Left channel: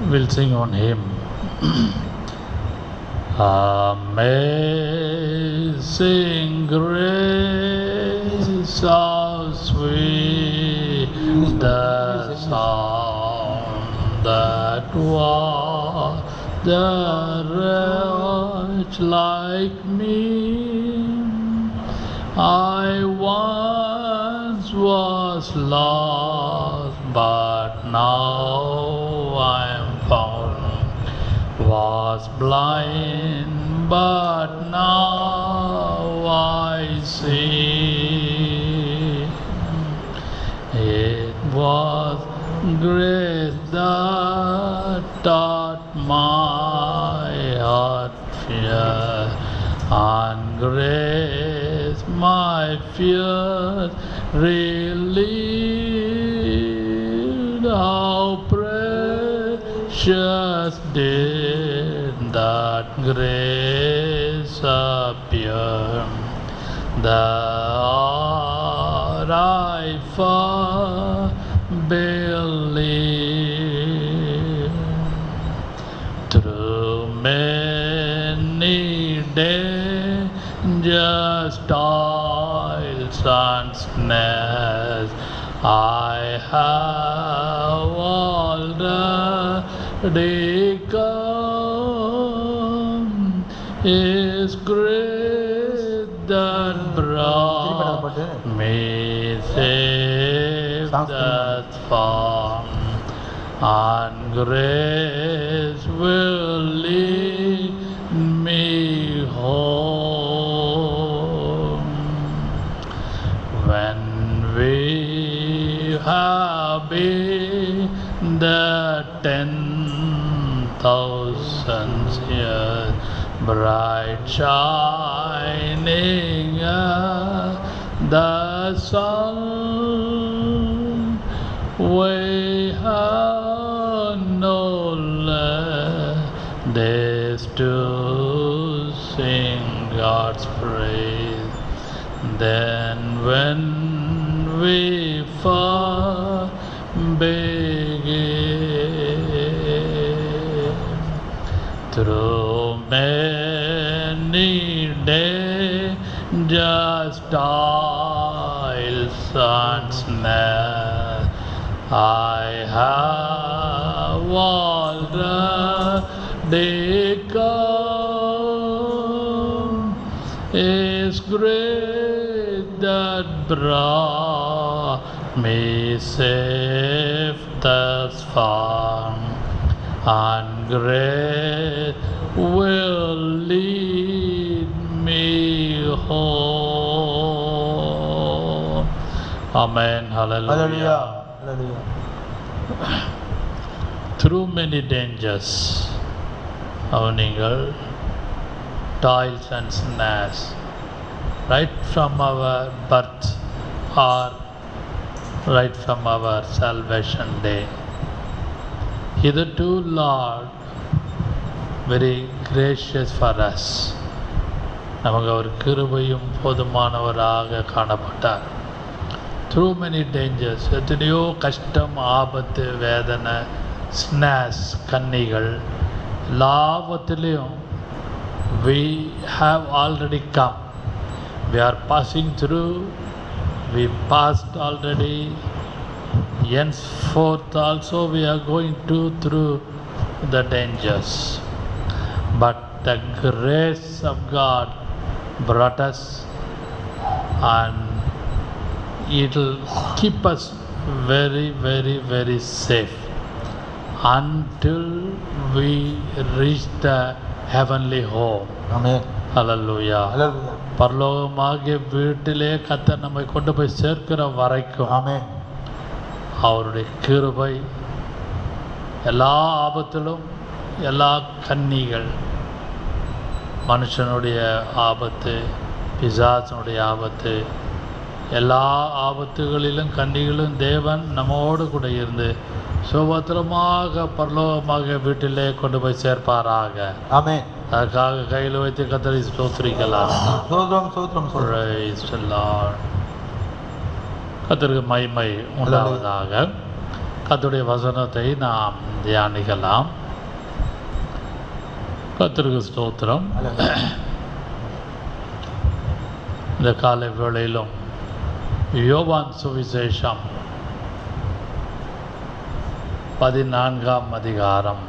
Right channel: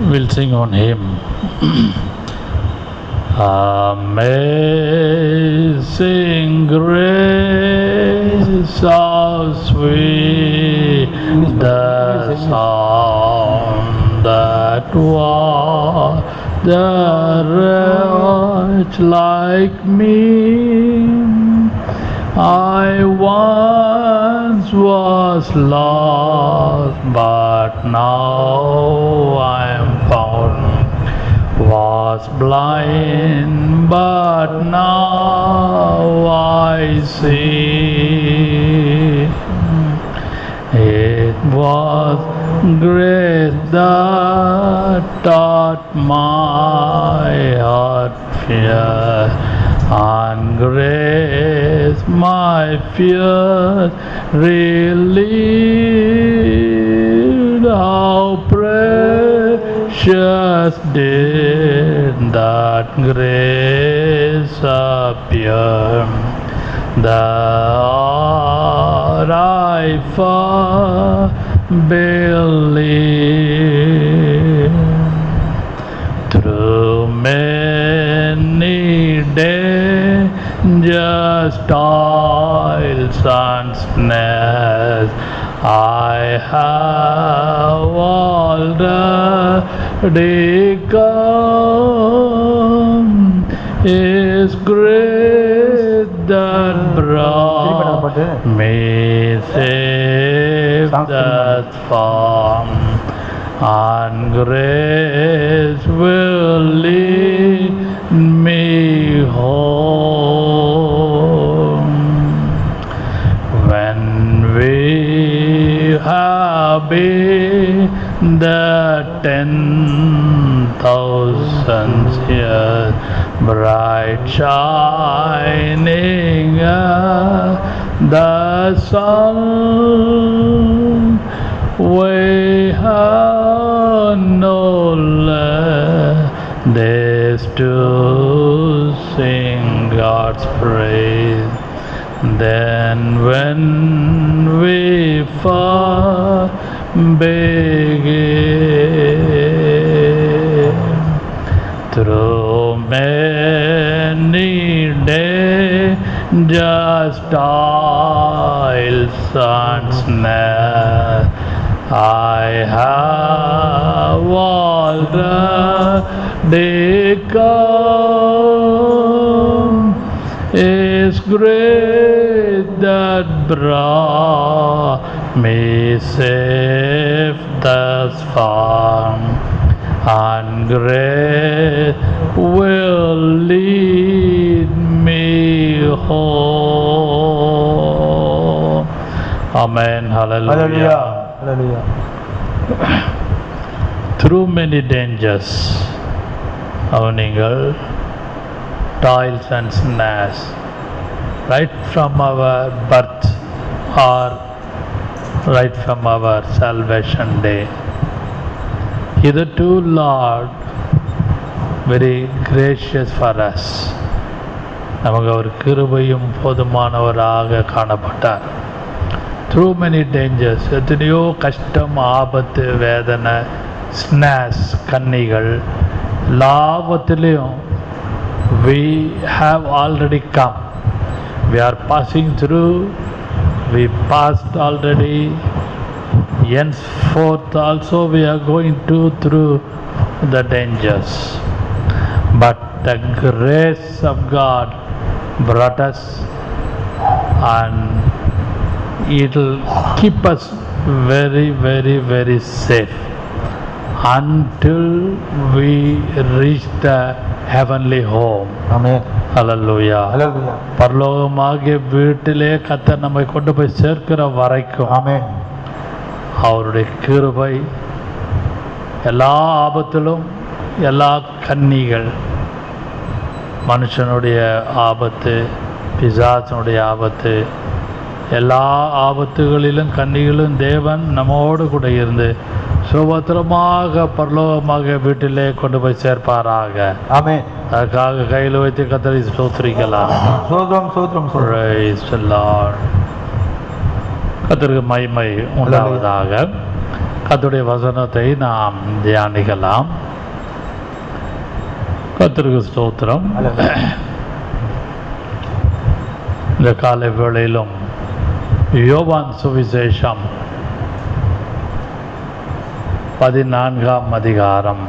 We'll sing on him. Amazing grace, how sweet the sound that was the wretch like me. I once was lost, but now I am found. Was blind, but now I see. It was grace that taught my heart fear, and grace my fears relieved. How precious did that grace appear, the hour I first believed. Through many dangers, toils and snares, I have already come. His grace that brought me safe thus far, and grace will lead me home. When we have been the 10,000 years, bright shining as the sun, we have no less days to sing God's praise. Then when we first begin, through many dangers, toils and snares, I have already come. His grace that brought me safe thus far, and grace will lead me home. Amen. Hallelujah. Hallelujah. Through many dangers, நீங்கள் toils and snares, right from our birth or right from our salvation day. Hitherto, Lord, very gracious for us. நமக்கு அவர் கிருபையும் போதுமானவராக காணப்பட்டார். Through many dangers, எத்தனையோ கஷ்டம், ஆபத்து, வேதனை, ஸ்னாஸ், கன்னிகள், எல்லாவற்றிலையும் we have already come. We are passing through. We passed already. Henceforth also we are going through the dangers. But the grace of God brought us, and it will keep us very, very, very safe until we reach the heavenly home. Amen. Hallelujah. Hallelujah. பரலோகமாகிய வீட்டிலே கர்த்தர் நம்மை கொண்டு போய் சேர்க்கிற வரைக்கும் Amen. அவருடைய கிருபை எல்லா ஆபத்திலும், எல்லா கன்னிகள், மனுஷனுடைய ஆபத்து, பிசாசனுடைய ஆபத்து, எல்லா ஆபத்துகளிலும் கன்னிகளும் தேவன் நம்மோடு கூட இருந்து சுபத்திரமாக பரலோகமாக வீட்டிலே கொண்டு போய் சேர்ப்பாராக. Amen. அதுக்காக கையில் வைத்து கர்த்தரை ஸ்தோத்திரிக்கலாம். சோத்ரம் சோத்ரம் சோத்ரம். Praise the Lord. கர்த்தருக்கு மகிமை உண்டாவதாக. கர்த்தருடைய வசனத்தை நாம் தியானிக்கலாம். கர்த்தருக்கு ஸ்தோத்திரம். இந்த காலை வேளையிலும் யோவான் சுவிசேஷம் 14ஆம் அதிகாரம்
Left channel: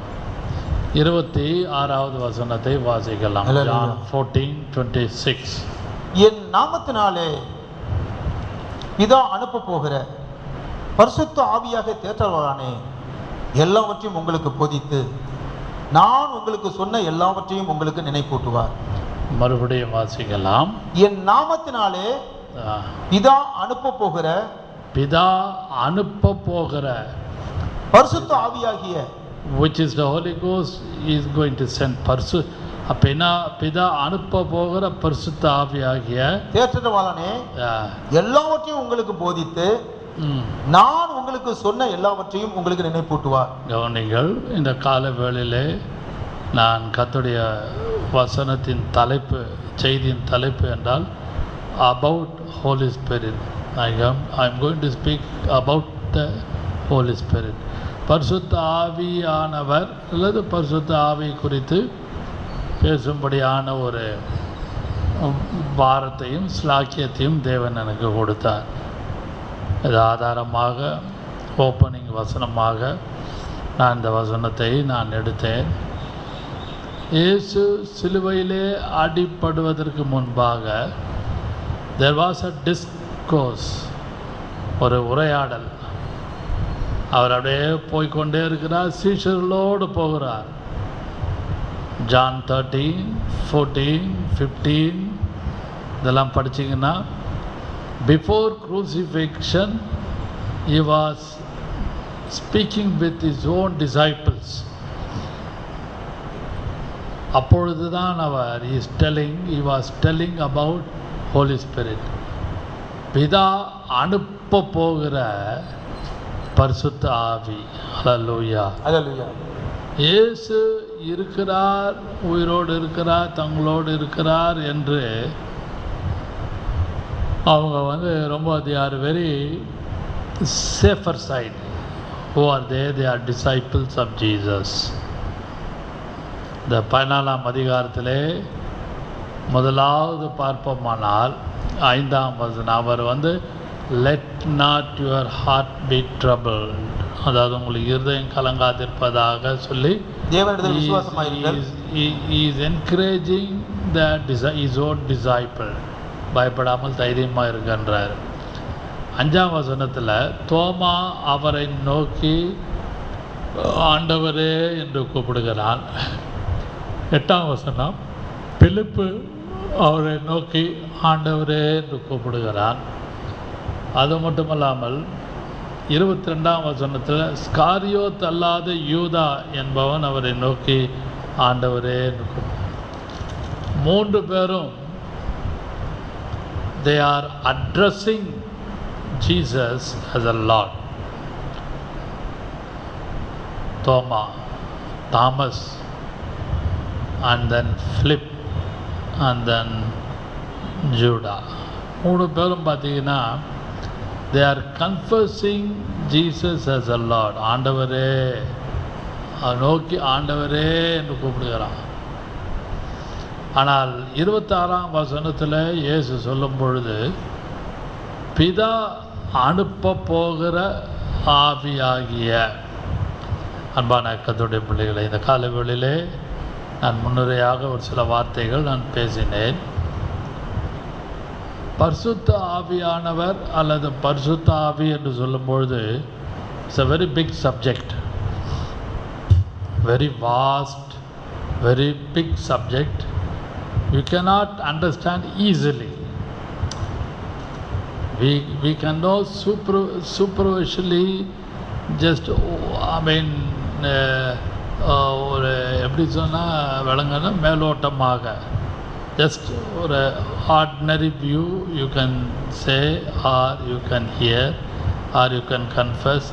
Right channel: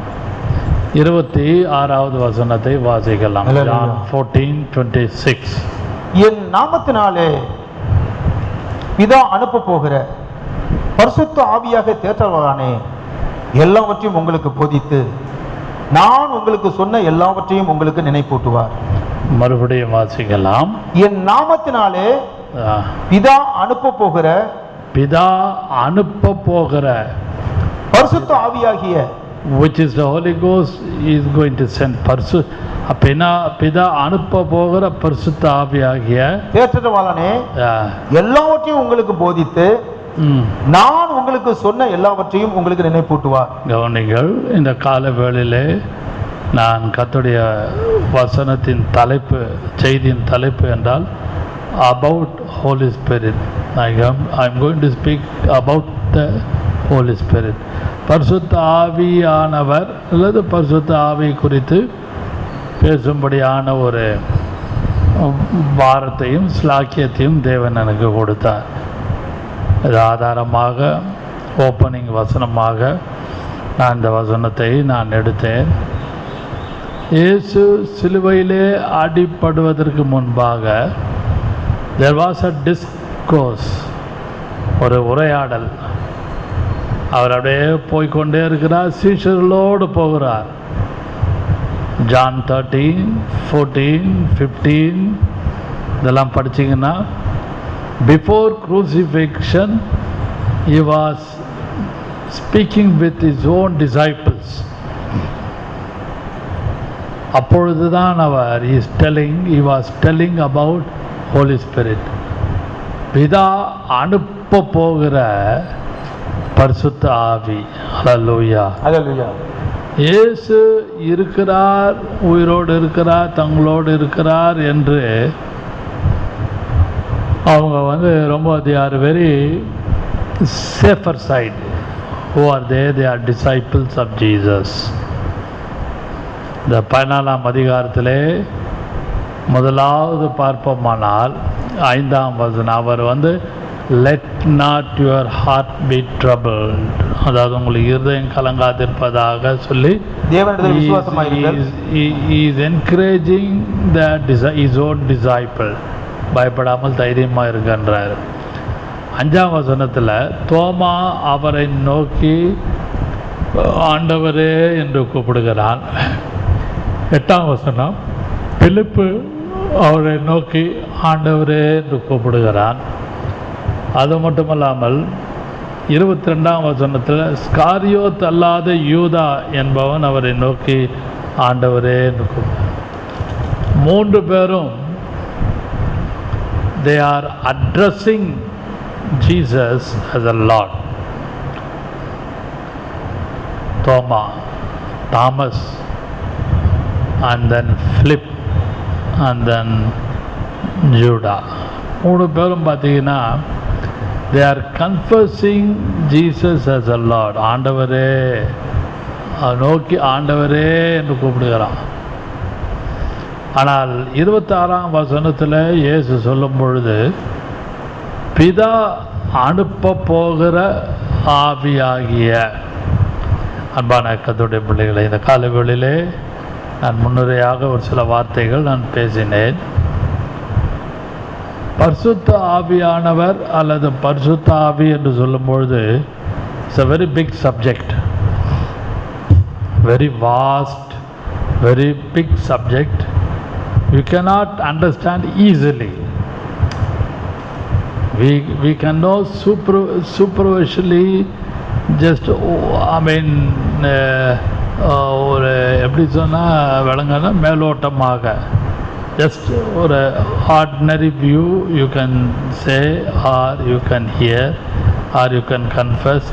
26வது வசனத்தை வாசிக்கலாம். John 14:26. என் நாமத்தினாலே பிதா அனுப்ப போகிற பரிசுத்த ஆவியாக தேற்றவரானே எல்லாவற்றையும் உங்களுக்கு போதித்து நான் உங்களுக்கு சொன்ன எல்லாவற்றையும் உங்களுக்கு நினைப்பூட்டுவார். மறுபடியும் வாசிக்கலாம். என் நாமத்தினாலே பிதா அனுப்ப போகிற பரிசுத்த ஆவியாகிய, which is the Holy Ghost is going to send. பிதா அனுப்ப போகிற பரிசுத்த ஆவியாகிய தேற்றவாளனே எல்லாவற்றையும் உங்களுக்கு போதித்து நான் உங்களுக்கு சொன்ன எல்லாவற்றையும் உங்களுக்கு நினைப்பூட்டுவார். கவனிங்கள், இந்த கால வேளையிலே நான் கர்த்தருடைய வசனத்தின் தலைப்பு, செய்தியின் தலைப்பு என்றால் about Holy Spirit. I'm going to speak about the Holy Spirit. பரிசுத்த ஆவியானவர் அல்லது பரிசுத்த ஆவி குறித்து பேசும்படியான ஒரு வாரத்தையும் ஸ்லாக்கியத்தையும் தேவன் எனக்கு கொடுத்தார். இது ஆதாரமாக ஓப்பனிங் வசனமாக நான் இந்த வசனத்தை எடுத்தேன். இயேசு சிலுவையிலே அடிப்படுவதற்கு முன்பாக there was a discourse, ஒரு உரையாடல். அவர் அப்படியே போய்கொண்டே இருக்கிறார், சீஷர்களோடு போகிறார். John 13, 14, 15 இதெல்லாம் படிச்சிங்கன்னா, before crucifixion he was speaking with his own disciples. அப்பொழுதுதான் அவர் he was telling about Holy Spirit. பிதா அனுப்ப போகிற பரிசுத்த ஆவி. ஹல்லேலூயா, ஹல்லேலூயா. இயேசு இருக்கிறார், உயிரோடு இருக்கிறார், தங்களோடு இருக்கிறார் என்று அவங்க ரொம்ப they are very safer side. Who are they? They are disciples of Jesus. இந்த 14ஆம் அதிகாரத்திலே முதலாவது பார்ப்போமானால் 5ஆம் வசனம், அவர் let not your heart be troubled, அதாவது உங்களுக்கு இருதயம் கலங்காதிருப்பதாக சொல்லி he is encouraging his own disciple. பயப்படாமல் தைரியமாக இருக்கின்றார். 5ஆம் வசனத்தில் தோமா அவரை நோக்கி ஆண்டவரே என்று கூப்பிடுகிறான். 8ஆம் வசனம் பிலிப்பு அவரை நோக்கி ஆண்டவரே என்று கூப்பிடுகிறான். அது மட்டுமல்லாமல் 22ஆம் வசனத்தில் ஸ்காரியோத் அல்லாத யூதா என்பவன் அவரை நோக்கி ஆண்டவரே என்று கூப்பிடுகிறான். 3 பேரும் they are addressing Jesus as a Lord. Thomas, and then Philip, and then Judah. 3 பேரும் பார்த்தீங்கன்னா they are confessing Jesus as a Lord. ஆண்டவரே நோக்கி ஆண்டவரே என்று கூப்பிடுகிறான். ஆனால் 26ஆம் வசனத்தில் இயேசு சொல்லும் பொழுது பிதா அனுப்ப போகிற ஆவியாகிய. அன்பான கர்த்தருடைய பிள்ளைகளை, இந்த காலவெளியிலே நான் முன்னுரையாக ஒரு சில வார்த்தைகள் நான் பேசினேன். பரிசுத்த ஆவியானவர் அல்லது பரிசுத்த ஆவி என்று சொல்லும் பொழுது it's a very big subject, very vast, very big subject. You cannot understand easily. We can know superficially, just ஒரு எப்படி சொன்னால் விளங்கன்னா மேலோட்டமாக, ஜஸ்ட் ஒரு ordinary view you can say, or you can hear, or you can confuse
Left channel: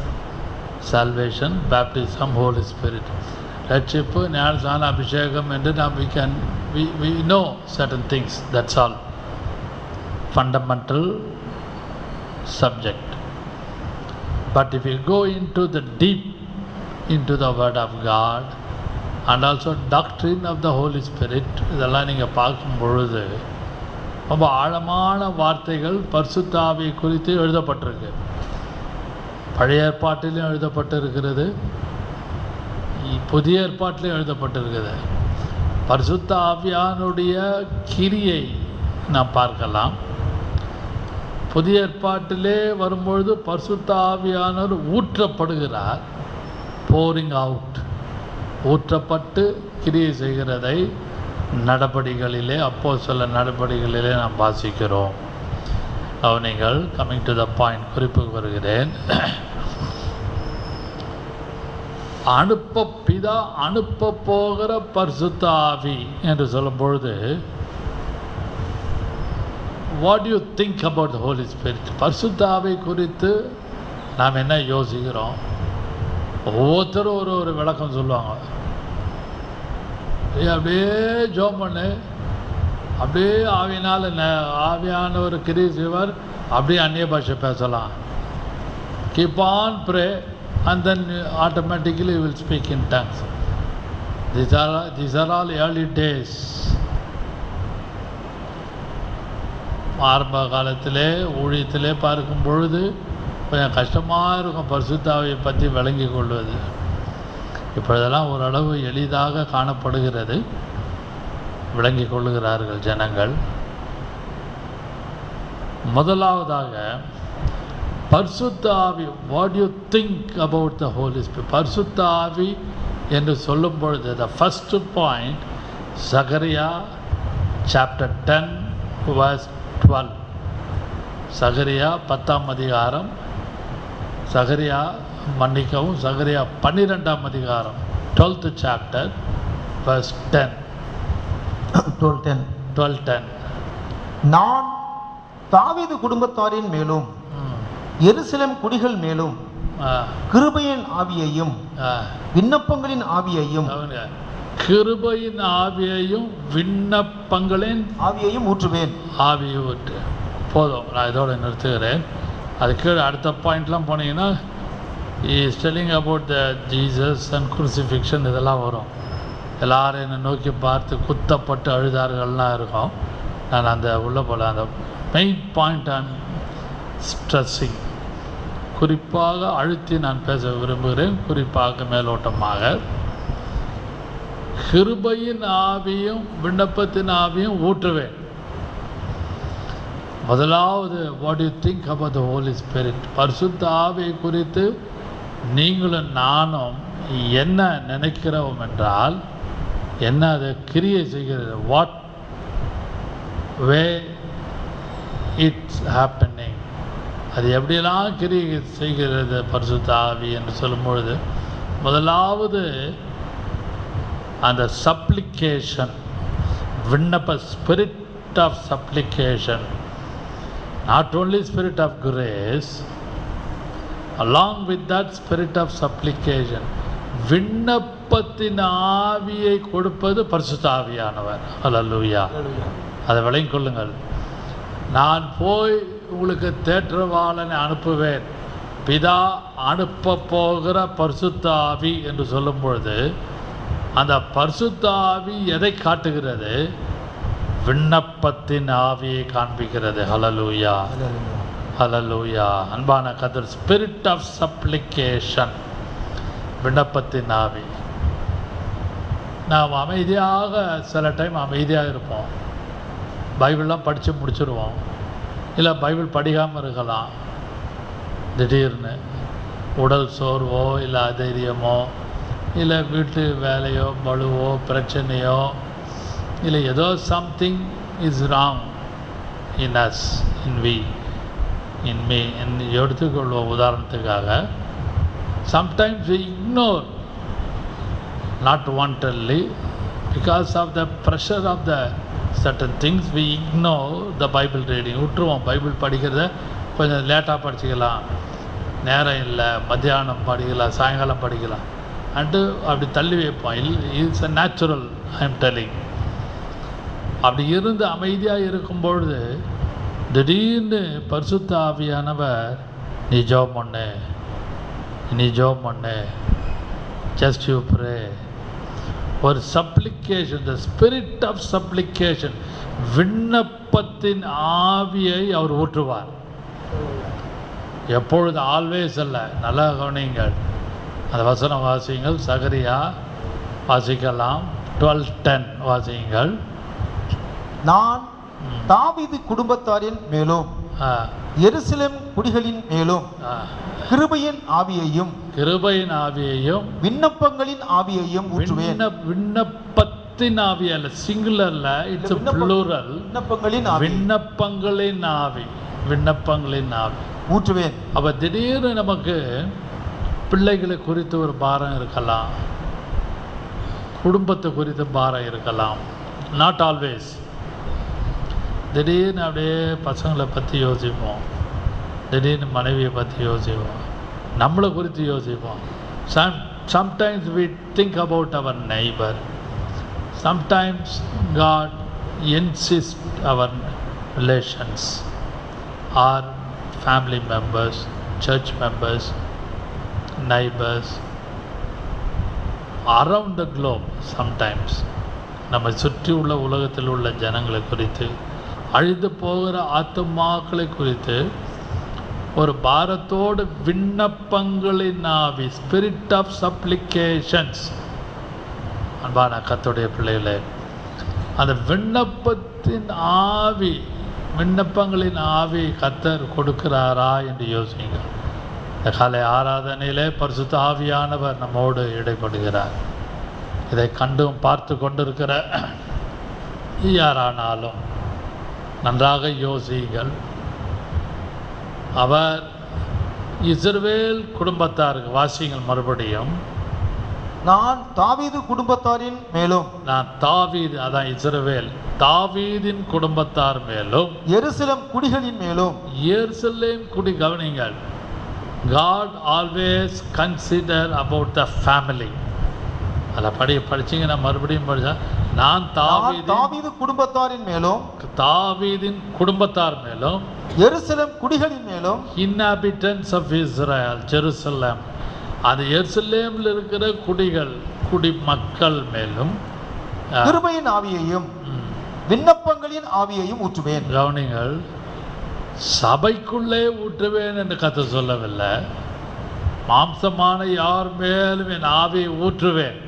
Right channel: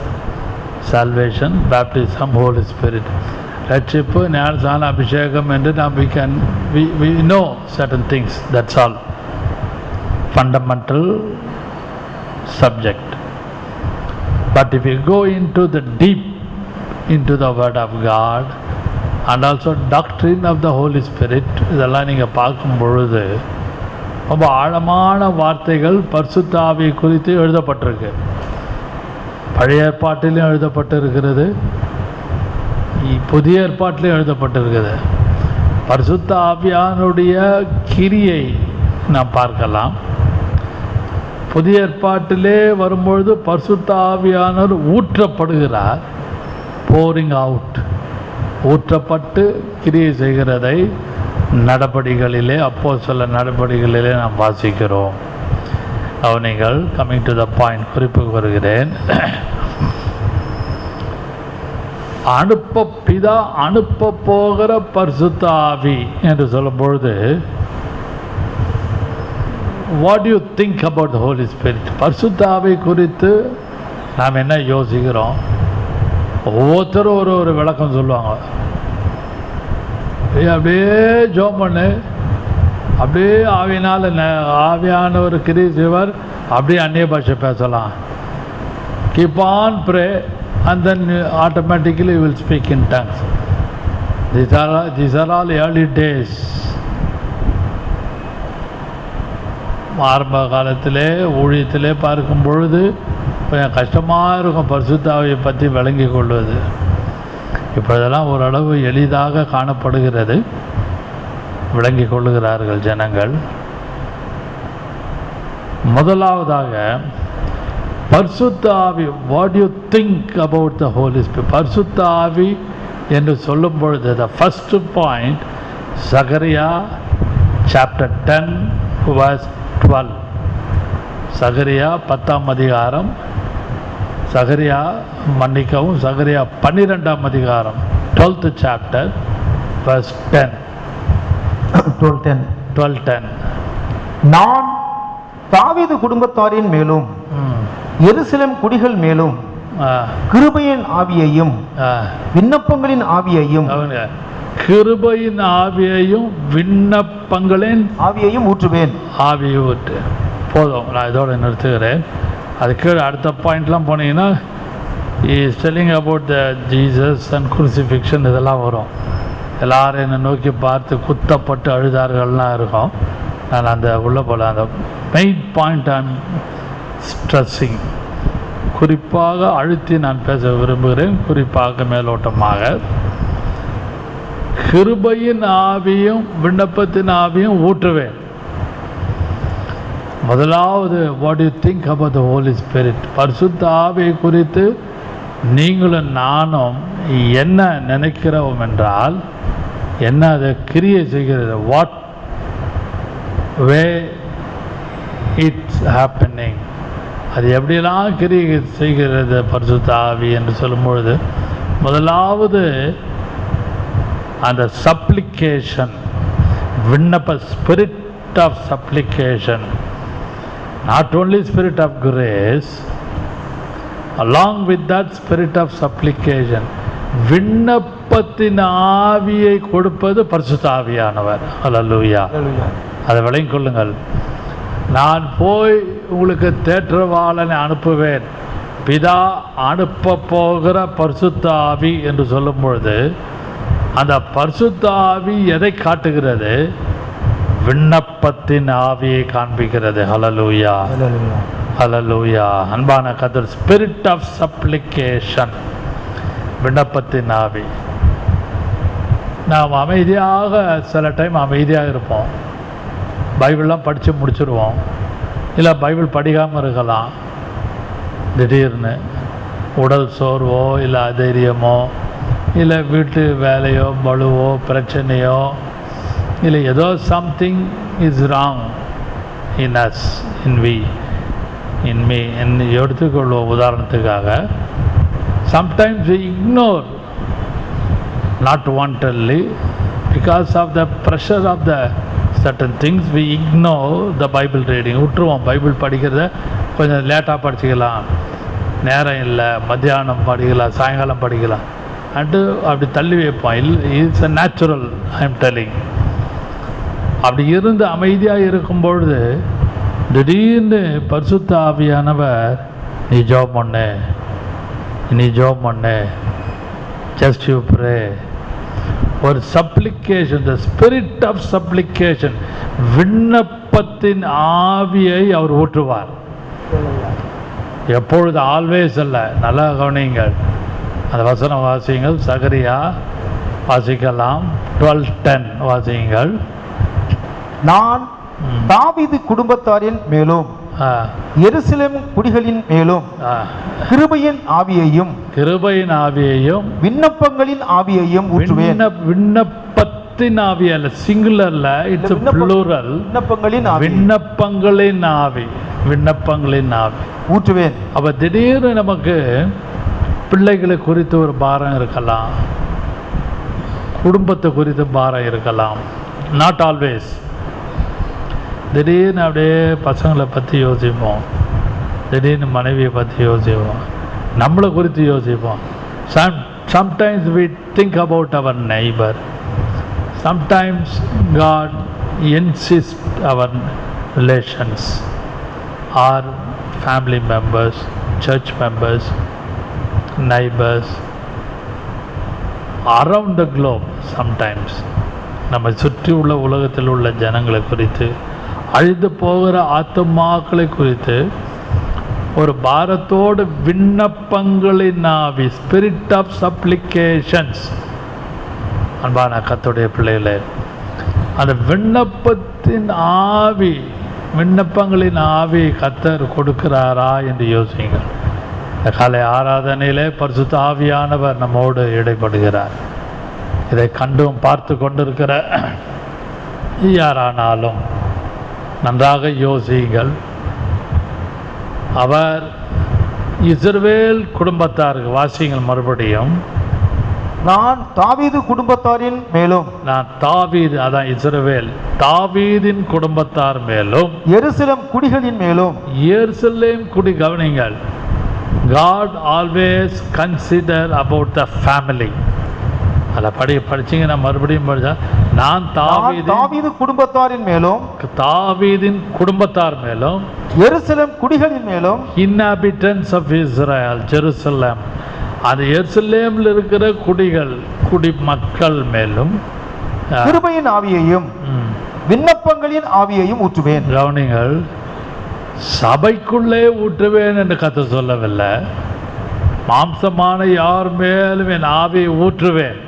salvation, baptism, holy spirit, ரட்சிப்பு, ஞானஸ்நான, அபிஷேகம் என்று நாம் we know certain things. That's all fundamental subject. But if you go into the deep, into the Word of God, and also doctrine of the Holy Spirit, இதெல்லாம் நீங்கள் பார்க்கும் பொழுது ரொம்ப ஆழமான வார்த்தைகள் பரிசுத்த ஆவியை குறித்து எழுதப்பட்டிருக்கு. பழைய ஏற்பாட்டிலும் எழுதப்பட்டிருக்கிறது, புதிய ஏற்பாட்டிலும் எழுதப்பட்டிருக்குது. பரிசுத்த ஆவியானுடைய கிரியை நாம் பார்க்கலாம். புதிய ஏற்பாட்டிலே வரும்பொழுது பரிசுத்த ஆவியானவர் ஊற்றப்படுகிறார், போரிங் அவுட், ஊற்றப்பட்டு கிரியை செய்கிறதை நடபடிகளிலே, அப்போஸ்தல நடபடிகளிலே நாம் வாசிக்கிறோம். அவனைகள் கம்மிங் டு த பாயிண்ட், குறிப்புக்கு வருகிறேன். பிதா அனுப்ப போகிற பரிசுத்த ஆவி என்று சொல்லும் பொழுது, what you think about the holy spirit? பரிசுத்த ஆவி குறித்து நாம் என்ன யோசிக்கிறோம்? ஒவ்வொருத்தரும் ஒரு விளக்கம் சொல்லுவாங்க. அப்படியே ஜோம் பண்ணு, அப்படியே ஆவினால் ஆவியான ஒரு கிரியை செய்வார், அப்படியே அந்நிய பாஷை பேசலாம். Keep on pray and then automatically you will speak in tongues. These are all early days. ஆரம்ப காலத்திலே ஊழியத்திலே பார்க்கும் பொழுது கொஞ்சம் கஷ்டமாக இருக்கும் பரிசுத்த ஆவியை பற்றி விளங்கி கொள்வது. இப்பொழுதெல்லாம் ஓரளவு எளிதாக காணப்படுகிறது, விளங்கி கொள்ளுகிறார்கள் ஜனங்கள். முதலாவதாக பரிசுத்த ஆவி, what you think about the holy spirit? பரிசுத்த ஆவி என்று சொல்லும் பொழுது the first point, Zechariah chapter 10 verse 12. Zechariah 10ஆம் அதிகாரம், சகரியா 12ஆம் அதிகாரம் 12th chapter verse 10. 12:10. நான் தாவீது குடும்பத்தாரின் மேலும் எருசலேம் குடிகள் மேலும் கிருபையின் ஆவியையும் விண்ணப்பங்களின் ஆவியையும், கிருபையின் ஆவியையும் விண்ணப்பங்களின் ஆவியையும் ஊற்றுவேன். ஆவியை ஊற்று. போதும், நான் இதோட நிறுத்துகிறேன். அது கீழே அடுத்த பாயிண்ட்லாம் போனீங்கன்னா is telling about the Jesus and crucifixion, இதெல்லாம் வரும். எல்லாரும் என்னை நோக்கி பார்த்து குத்தப்பட்டு அழுதார்கள்லாம் இருக்கும். நான் அந்த உள்ள போல அந்த மெயின் பாயிண்ட் ஐம் ஸ்ட்ரெஸ்ஸிங், குறிப்பாக அழுத்தி நான் பேச விரும்புகிறேன். குறிப்பாக மேலோட்டமாக கிருபையின் ஆவியும் விண்ணப்பத்தின் ஆவியும் ஊற்றுவேன். முதலாவது, what you think about the holy spirit? பரிசுத்த ஆவியை குறித்து நீங்களும் நானும் என்ன நினைக்கிறோம் என்றால், என்ன அதை கிரியை செய்கிறது, வாட் வே இட்ஸ் ஹேப்பனிங், அது எப்படியெல்லாம் கிரியை செய்கிறது பரிசுத்த ஆவி என்று சொல்லும் பொழுது, முதலாவது அந்த சப்ளிகேஷன், விண்ணப்ப, spirit of supplication. Not only spirit of grace, along with that spirit of supplication, விண்ணப்பத்தின் ஆவியை கொடுப்பது பரிசுத்த ஆவியானவர். அல்லேலூயா. அதை விளங்கிக் கொள்ளுங்கள். நான் போய் உங்களுக்கு தேற்றவாளனை அனுப்புவேன், பிதா அனுப்ப போகிற பரிசுத்த ஆவி என்று சொல்லும் பொழுது, அந்த பரிசுத்த ஆவி எதை காட்டுகிறது? விண்ணப்பத்தின் ஆவியை காண்பிக்கிறது. ஹல்லேலூயா, ஹல்லேலூயா. அன்பான கர்த்தர், ஸ்பிரிட் ஆஃப் சப்ளிகேஷன், விண்ணப்பத்தின் ஆவி. நாம் அமைதியாக, சில டைம் அமைதியாக இருப்போம், பைபிள்லாம் படித்து முடிச்சுடுவோம், இல்லை பைபிள் படிக்காமல் இருக்கலாம். திடீர்னு உடல் சோர்வோ, இல்லை அதைரியமோ, இல்லை வீட்டு வேலையோ, பளுவோ, பிரச்சனையோ, இல்லை ஏதோ something is wrong in us, in we, in me என்று எடுத்துக்கொள்வோம். உதாரணத்துக்காக, sometimes we ignore, not wantedly, because of the pressure of the certain things, we ignore the Bible reading. விட்டுருவோம். பைபிள் படிக்கிறத கொஞ்சம் லேட்டாக படிச்சுக்கலாம், நேரம் இல்லை, மத்தியானம் படிக்கலாம், சாயங்காலம் படிக்கலாம் அண்டு அப்படி தள்ளி வைப்போம். It's a natural, I am telling. அப்படி இருந்து அமைதியாக இருக்கும் பொழுது திடீர்னு பரிசுத்த ஆவியானவர், நீ ஜெபம் பண்ணு, நீ ஜெபம் பண்ணு, ஜஸ்ட் யூ ப்ரே. ஒரு supplication, the spirit of supplication, விண்ணப்பத்தின் ஆவியை அவர் ஊற்றுவார். எப்பொழுது, ஆல்வேஸ் அல்ல. நல்லா கவனிங்கள், அந்த வசனம் வாசியுங்கள். சகரியா வாசிக்கலாம், 12:10 வாசியுங்கள். நான் தாவீது குடும்பத்தாரின் மேலும் எருசலேம் குடிகளின் மேலும் கிருபையின் ஆவியையும் விண்ணப்பங்களின் ஆவியையும் ஊற்றுவேன். விண்ணப்பத்தின் ஆவி அல்ல, சிங்குலர்ல, இட்ஸ் ப்ளூரல். விண்ணப்பங்களின் ஆவி, விண்ணப்பங்களின் ஆவி ஊற்றுவேன். அப்ப திடீர்னு நமக்கு பிள்ளைகளை குறித்து ஒரு பாரம் இருக்கலாம், குடும்பத்தை குறித்து பாரம் இருக்கலாம். Not always. திடீர்னு அப்படியே பசங்களை பற்றி யோசிப்போம், திடீர்னு மனைவியை பற்றி யோசிப்போம், நம்மளை குறித்து யோசிப்போம். Sometimes we think about our neighbor. Sometimes God insists our relations, our family members, church members, neighbors, around the globe. Sometimes நம்ம சுற்றி உள்ள உலகத்தில் உள்ள ஜனங்களை குறித்து, அழிந்து போகிற ஆத்துமாக்களை குறித்து ஒரு பாரத்தோடு விண்ணப்பங்களின் ஆவி, ஸ்பிரிட் ஆஃப் சப்ளிகேஷன்ஸ். அன்பான கர்த்தருடைய பிள்ளைகளே, அந்த விண்ணப்பத்தின் ஆவி, விண்ணப்பங்களின் ஆவி கர்த்தர் கொடுக்கிறாரா என்று யோசிங்கள். இந்த காலை ஆராதனையிலே பரிசுத்த ஆவியானவர் நம்மோடு இடைப்படுகிறார். இதை கண்டும் பார்த்து கொண்டிருக்கிற யாரானாலும் நன்றாக யோசியுங்கள். அவர் இஸ்ரவேல் குடும்பத்தாருக்கு, வாசியுங்கள் மறுபடியும். நான் தாவீது குடும்பத்தாரின் மேலும், நான் தாவீது, அதான் இஸ்ரவேல், தாவீதின் குடும்பத்தார் மேலும் எருசலேம் குடிகளின் மேலும். எருசலேம் குடி, கவனிங்கள். God always consider about the family. அதை படிச்சீங்கன்னா மறுபடியும் படிச்சா, நான் தாவீது குடும்பத்தாரின் மேலும், தாவீதின் குடும்பத்தார் மேலும், எருசலேம் குடிகளின் மேலும், inhabitants of Israel, ஜெருசலேம், அது எருசலேமில் இருக்கிற குடிமக்கள் மேலும் கிருபையின் ஆவியையும் விண்ணப்பங்களின் ஆவியையும் ஊற்றுவேன். கவனிங்கள், சபைக்குள்ளே ஊற்றுவேன் என்று கர்த்தர் சொல்லவில்லை. மாம்சமான யார் மேலும் என் ஆவியை ஊற்றுவேன்.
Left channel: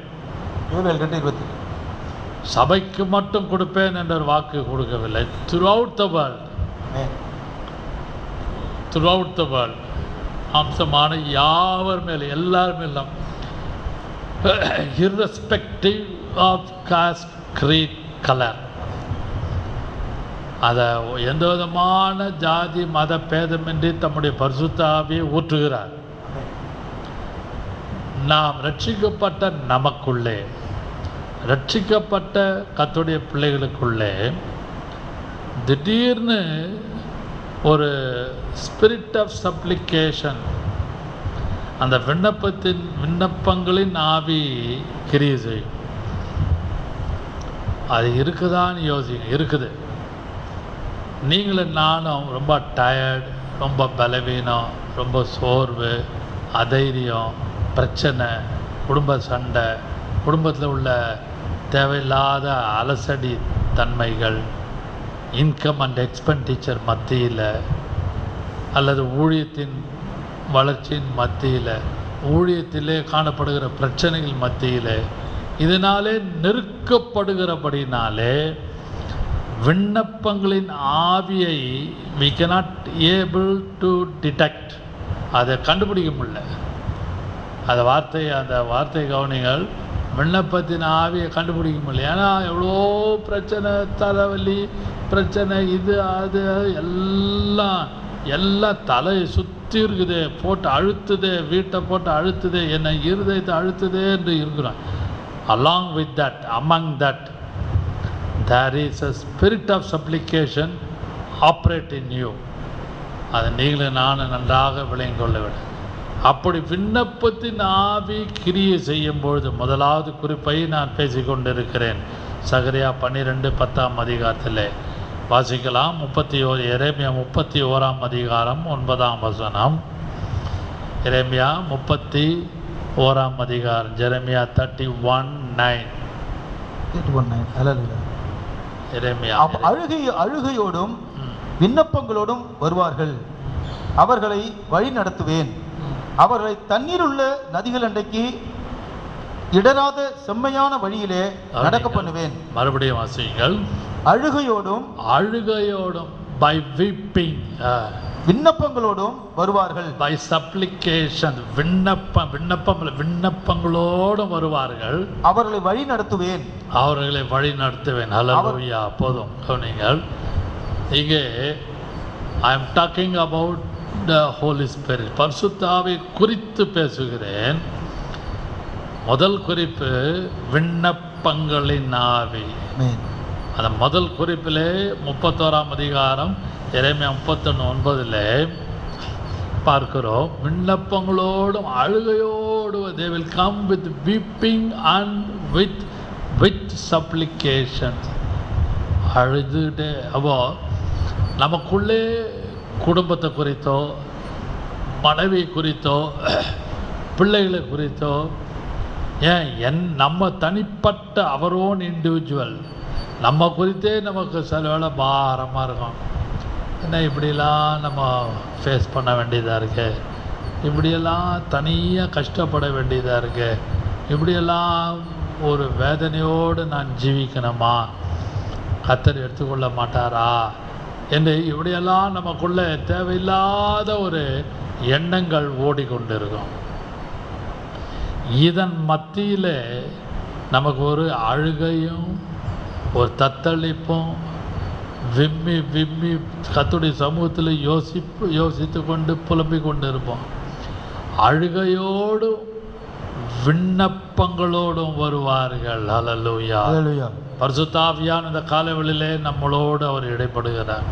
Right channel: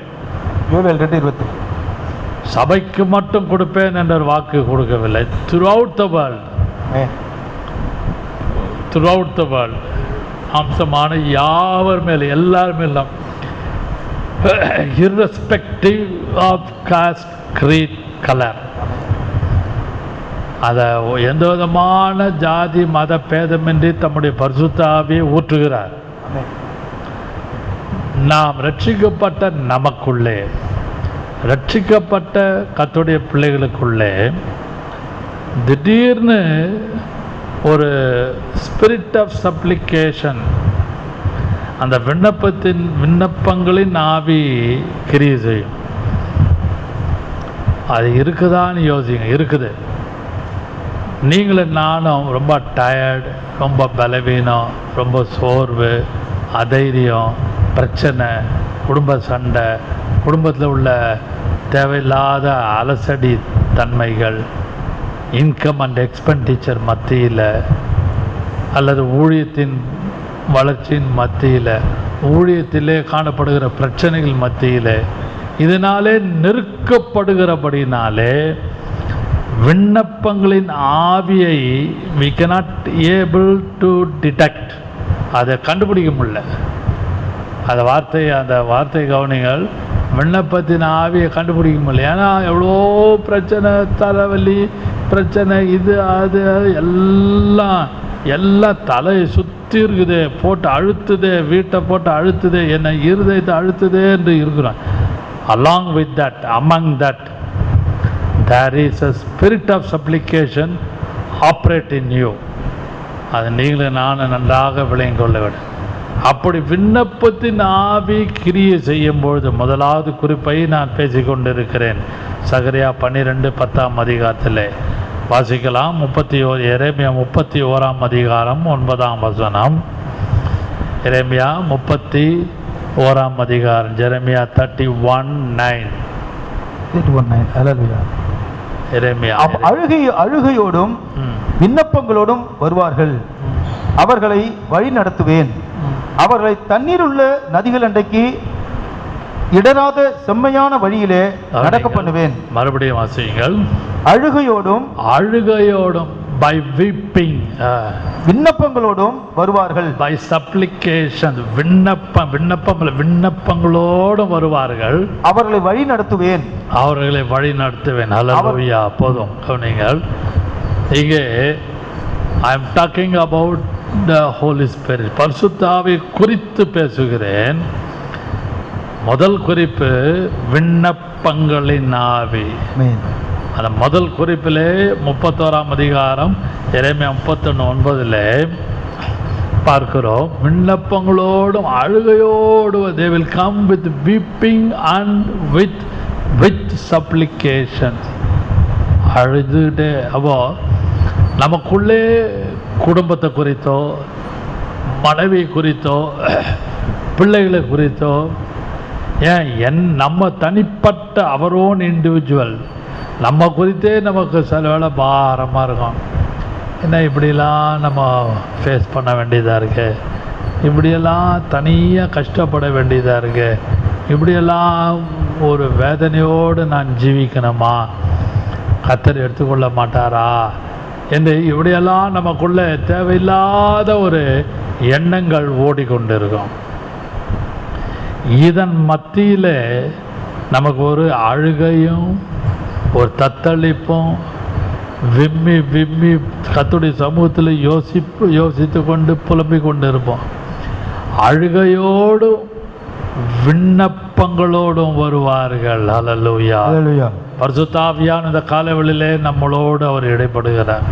சபைக்கு மட்டும் கொடுப்பேன் என்ற வாக்கு கொடுக்கவில்லை. throughout the world, மாம்சமான யாவர் மேலும், எல்லார் மேலும், irrespective of caste, creed, color, அதை எந்த விதமான ஜாதி மத பேதமின்றி தம்முடைய பரிசுத்த ஆவியை ஊற்றுகிறார். நாம் ரட்சிக்கப்பட்ட நமக்குள்ளே, ரட்சிக்கப்பட்ட கர்த்தருடைய பிள்ளைகளுக்குள்ளே திடீர்னு ஒரு ஸ்பிரிட் ஆஃப் சப்ளிகேஷன், அந்த விண்ணப்பங்களின் ஆவி கிரியை செய்யும். அது இருக்குதான்னு யோசிங்க. இருக்குது. நீங்களும் நானும் ரொம்ப டயர்டு, ரொம்ப பலவீனம், ரொம்ப சோர்வு, அதைரியம், பிரச்சனை, குடும்ப சண்டை, குடும்பத்தில் உள்ள தேவையில்லாத அலசடி தன்மைகள், இன்கம் அண்ட் எக்ஸ்பெண்டிச்சர் மத்தியில், அல்லது ஊழியத்தின் வளர்ச்சியின் மத்தியில், ஊழியத்திலே காணப்படுகிற பிரச்சனைகள் மத்தியில், இதனாலே நெருக்கப்படுகிறபடினாலே விண்ணப்பங்களின் ஆவியை we cannot able to detect, அதை கண்டுபிடிக்க முடியல. அந்த வார்த்தை கவனிங்கள். விண்ணப்பத்தின் ஆவியை கண்டுபிடிக்க முடியல. ஏன்னா எவ்வளோ பிரச்சனை, தலைவலி பிரச்சனை, இது அது எல்லாம் தலையை சுற்றி இருக்குது, போட்டு அழுத்துதே, வீட்டை போட்டு அழுத்துதே, என்னை இருதயத்தை அழுத்துதே என்று இருக்கிறோம். along with that, among that there is a spirit of supplication operate in you. அது நீங்களும் நானும் நன்றாக விளங்கிக் கொள்ள வேண்டும். அப்படி விண்ணப்பத்தின் ஆவி கிரியை செய்யும் பொழுது, முதலாவது குறிப்பை நான் பேசிக்கொண்டிருக்கிறேன். சகரியா 12:10 வாசிக்கலாம். 31 எரேமியா 31 9 வசனம். எரேமியா 31 அதிகாரம், ஜெரமியா 31:9. 31:9. ஹalleluya. எரேமியா அழுகையோடும் விண்ணப்பங்களோடும் வருவார்கள், அவர்களை வழி நடத்துவேன், அவர்களை தண்ணீருள்ள நதிகள் அண்டைக்கு இடராத செம்மையான வழியிலே நடக்க பண்ணுவேன். மறுபடியும் வாசியுங்கள். அழுகையோடும் by weeping, விண்ணப்பங்களோடும் வருவார்கள், by supplication, விண்ணப்பங்களோடும் வருவார்கள், அவர்களை வழி நடத்துவேன். ஹல்லேலூயா. போதும் கவனிங்கள். இங்கே I am talking about the Holy Spirit. பரிசுத்த ஆவியை குறித்து பேசுகிறேன். முதல் குறிப்பு விண்ணப்பங்களின் ஆவி. அந்த முதல் குறிப்பிலே 31 அதிகாரம் எரேமியா 31:9 பார்க்கிறோம். விண்ணப்பங்களோடும் அழுகையோடு they will come with weeping and with supplication. அழுதுட்டே. அப்போ நமக்குள்ளே குடும்பத்தை குறித்தோ, மனைவி குறித்தோ, பிள்ளைகளை குறித்தோ, ஏன் நம்ம தனிப்பட்ட அவர் ஓன் இண்டிவிஜுவல் நம்ம குறித்தே நமக்கு சில வேளை பாரமாக இருக்கும். என்ன இப்படிலாம் நம்ம ஃபேஸ் பண்ண வேண்டியதாக இருக்கு, இப்படியெல்லாம் தனியாக கஷ்டப்பட வேண்டியதாக இருக்கு, இப்படியெல்லாம் ஒரு வேதனையோடு நான் ஜீவிக்கணுமா, கர்த்தர் எடுத்துக்கொள்ள மாட்டாரா என்று இப்படியெல்லாம் நமக்குள்ளே தேவையில்லாத ஒரு எண்ணங்கள் ஓடிக்கொண்டிருக்கும். இதன் மத்தியில் நமக்கு ஒரு அழுகையும் ஒரு தத்தளிப்பும் விம்மி கர்த்தருடைய சமூகத்தில் யோசித்து கொண்டு புலம்பிக் கொண்டு இருப்போம். அழுகையோடும் விண்ணப்பங்களோடும் வருவார்கள். ஹல்லேலூயா. பரிசுத்த ஆவியான இந்த காலவெளியிலே நம்மளோடு அவர் இடைப்படுகிறார்.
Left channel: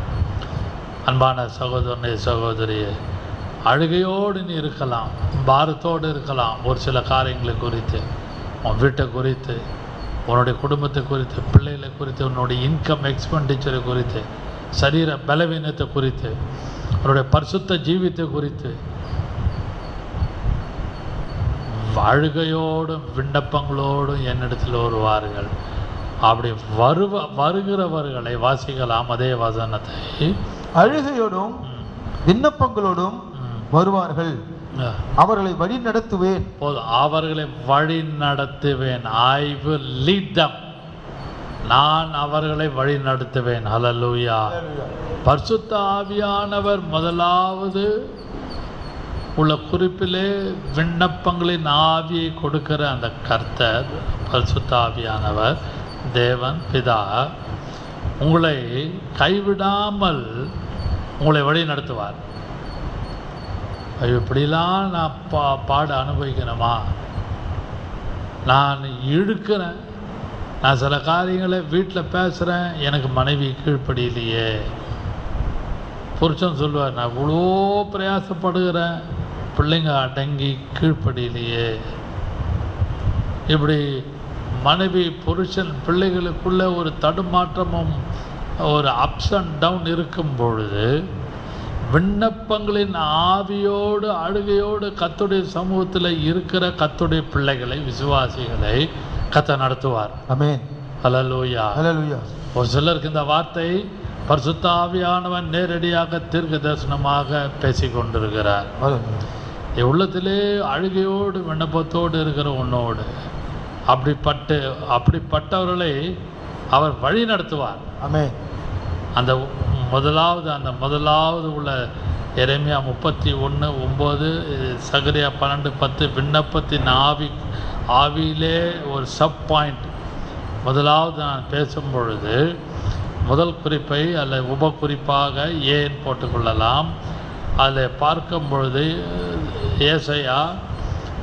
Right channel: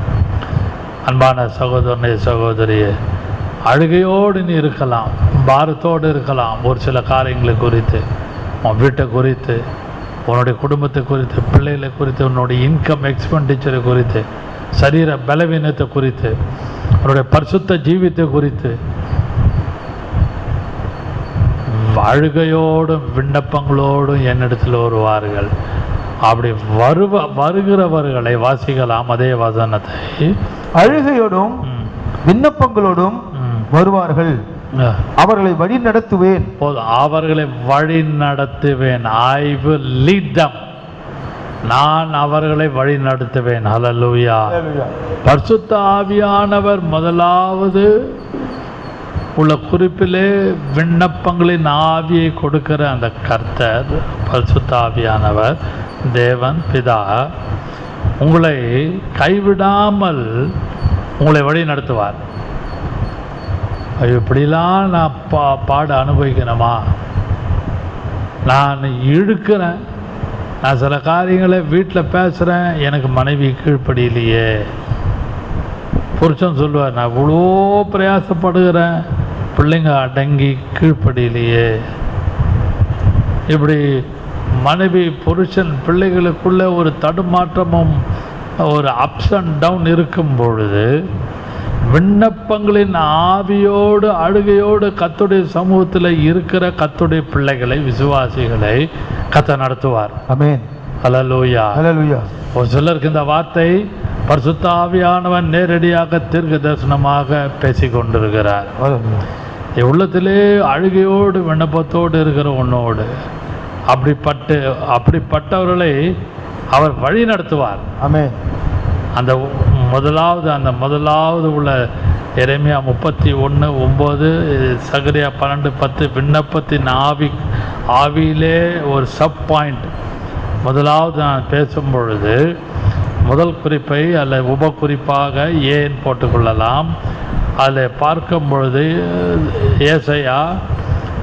அன்பான சகோதரனே, சகோதரியே, அழுகையோடு நீ இருக்கலாம், பாரத்தோடு இருக்கலாம். ஒரு சில காரியங்களை குறித்து, உன் வீட்டை குறித்து, உன்னுடைய குடும்பத்தை குறித்து, பிள்ளைகளை குறித்து, உன்னுடைய இன்கம் எக்ஸ்பெண்டிச்சரை குறித்து, சரீர பலவீனத்தை குறித்து, உன்னுடைய பரிசுத்த ஜீவித்தை குறித்து அழுகையோடும் விண்ணப்பங்களோடும் என்னிடத்தில் வருவார்கள். அப்படி வருகிறவர்களை வாசிக்கலாம். அதே வசனத்தை அழுகையோடும் விண்ணப்பங்களோடும் வருவார்கள், அவர்களை வழி நடத்துவேன். அவர்களை வழி நடத்துவேன். I will lead them. நான் அவர்களை வழி நடத்துவேன். ஹல்லேலூயா. பரிசுத்த ஆவியானவர் முதலாவது உள்ள குறிப்பிலே விண்ணப்பங்களின் ஆவியை கொடுக்கிற அந்த கர்த்தர் பரிசுத்த ஆவியானவர் தேவன் பிதா உங்களை கைவிடாமல் உங்களை வழி நடத்துவார். இப்படிலாம் நான் பாட அனுபவிக்கணுமா, நான் இழுக்கிறேன், நான் சில காரியங்களை வீட்டில் பேசுகிறேன், எனக்கு மனைவி கீழ்ப்படியிலையே. புருஷன் சொல்லுவார், நான் இவ்வளோ பிரயாசப்படுகிறேன், பிள்ளைங்க அடங்கி கீழ்ப்படியிலையே. இப்படி மனைவி புருஷன் பிள்ளைகளுக்குள்ள ஒரு தடுமாற்றமும் ஒரு அப்ஸ் அண்ட் டவுன் இருக்கும் பொழுது விண்ணப்பங்களின் ஆவியோடு அழுகையோடு கர்த்தருடைய சமூகத்தில் இருக்கிற கர்த்தருடைய பிள்ளைகளை, விசுவாசிகளை கர்த்தர் நடத்துவார். ஆமென். ஹல்லேலூயா. ஹல்லேலூயா. ஒரு சிலருக்கு இந்த வார்த்தை பரிசுத்த ஆவியானவன் நேரடியாக தீர்க்க தரிசனமாக பேசி கொண்டிருக்கிறார். உள்ளத்திலே அழுகையோடு விண்ணப்பத்தோடு இருக்கிற உன்னோடு அப்படிப்பட்டவர்களை அவர் வழி நடத்துவார். ஆமென். அந்த முதலாவது உள்ள எரேமியா 31:9, சகரியா 12:10 விண்ணப்பத்தின் ஆவியிலே ஒரு சப் பாயிண்ட். முதலாவது நான் பேசும் பொழுது முதல் குறிப்பை அல்ல உபகுறிப்பாக ஏன் போட்டுக்கொள்ளலாம். அதில் பார்க்கும் பொழுது ஏசாயா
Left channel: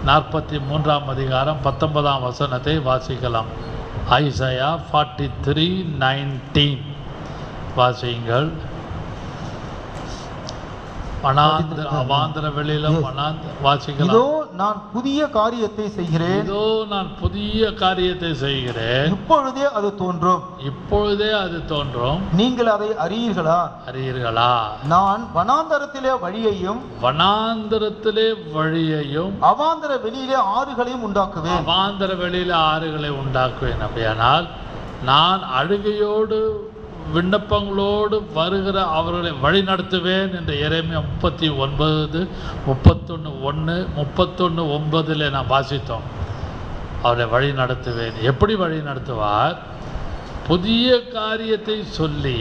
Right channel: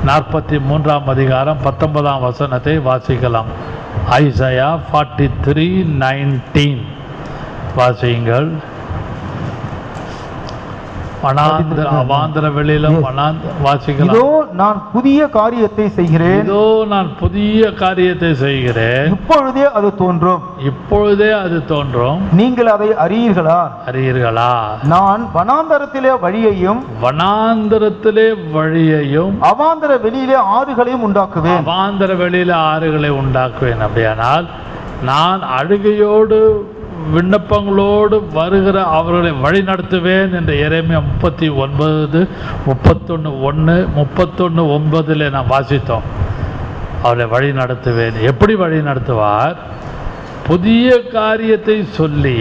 43 அதிகாரம் 19 வசனத்தை வாசிக்கலாம். ஐசாயா 43:19 வாசியுங்கள். அவாந்தர வெளியிலும் வாசிக்கலாம். இதோ நான் புதிய காரியத்தை செய்கிறேன், இதோ நான் புதிய காரியத்தை செய்கிறேன், இப்பொழுதே அது தோன்றும், இப்பொழுதே அது தோன்றும், நீங்கள் அதை அறியீர்களா? அறியீர்களா? நான் வனாந்தரத்திலே வழியையும், வனாந்தரத்திலே வழியையும், அவாந்தர வெளியிலே ஆறுகளையும் உண்டாக்குவேன், அவாந்தர வெளியில ஆறுகளை உண்டாக்குவேன். அப்படியானால் நான் அழுகையோடு விண்ணப்பங்களோடு வருகிற அவர்களை வழி நடத்துவேன் என்று எரேமியா 39, 31:1, 31:9 நாம் வாசித்தோம். அவரை வழி நடத்துவேன். எப்படி வழி நடத்துவார்? புதிய காரியத்தை சொல்லி,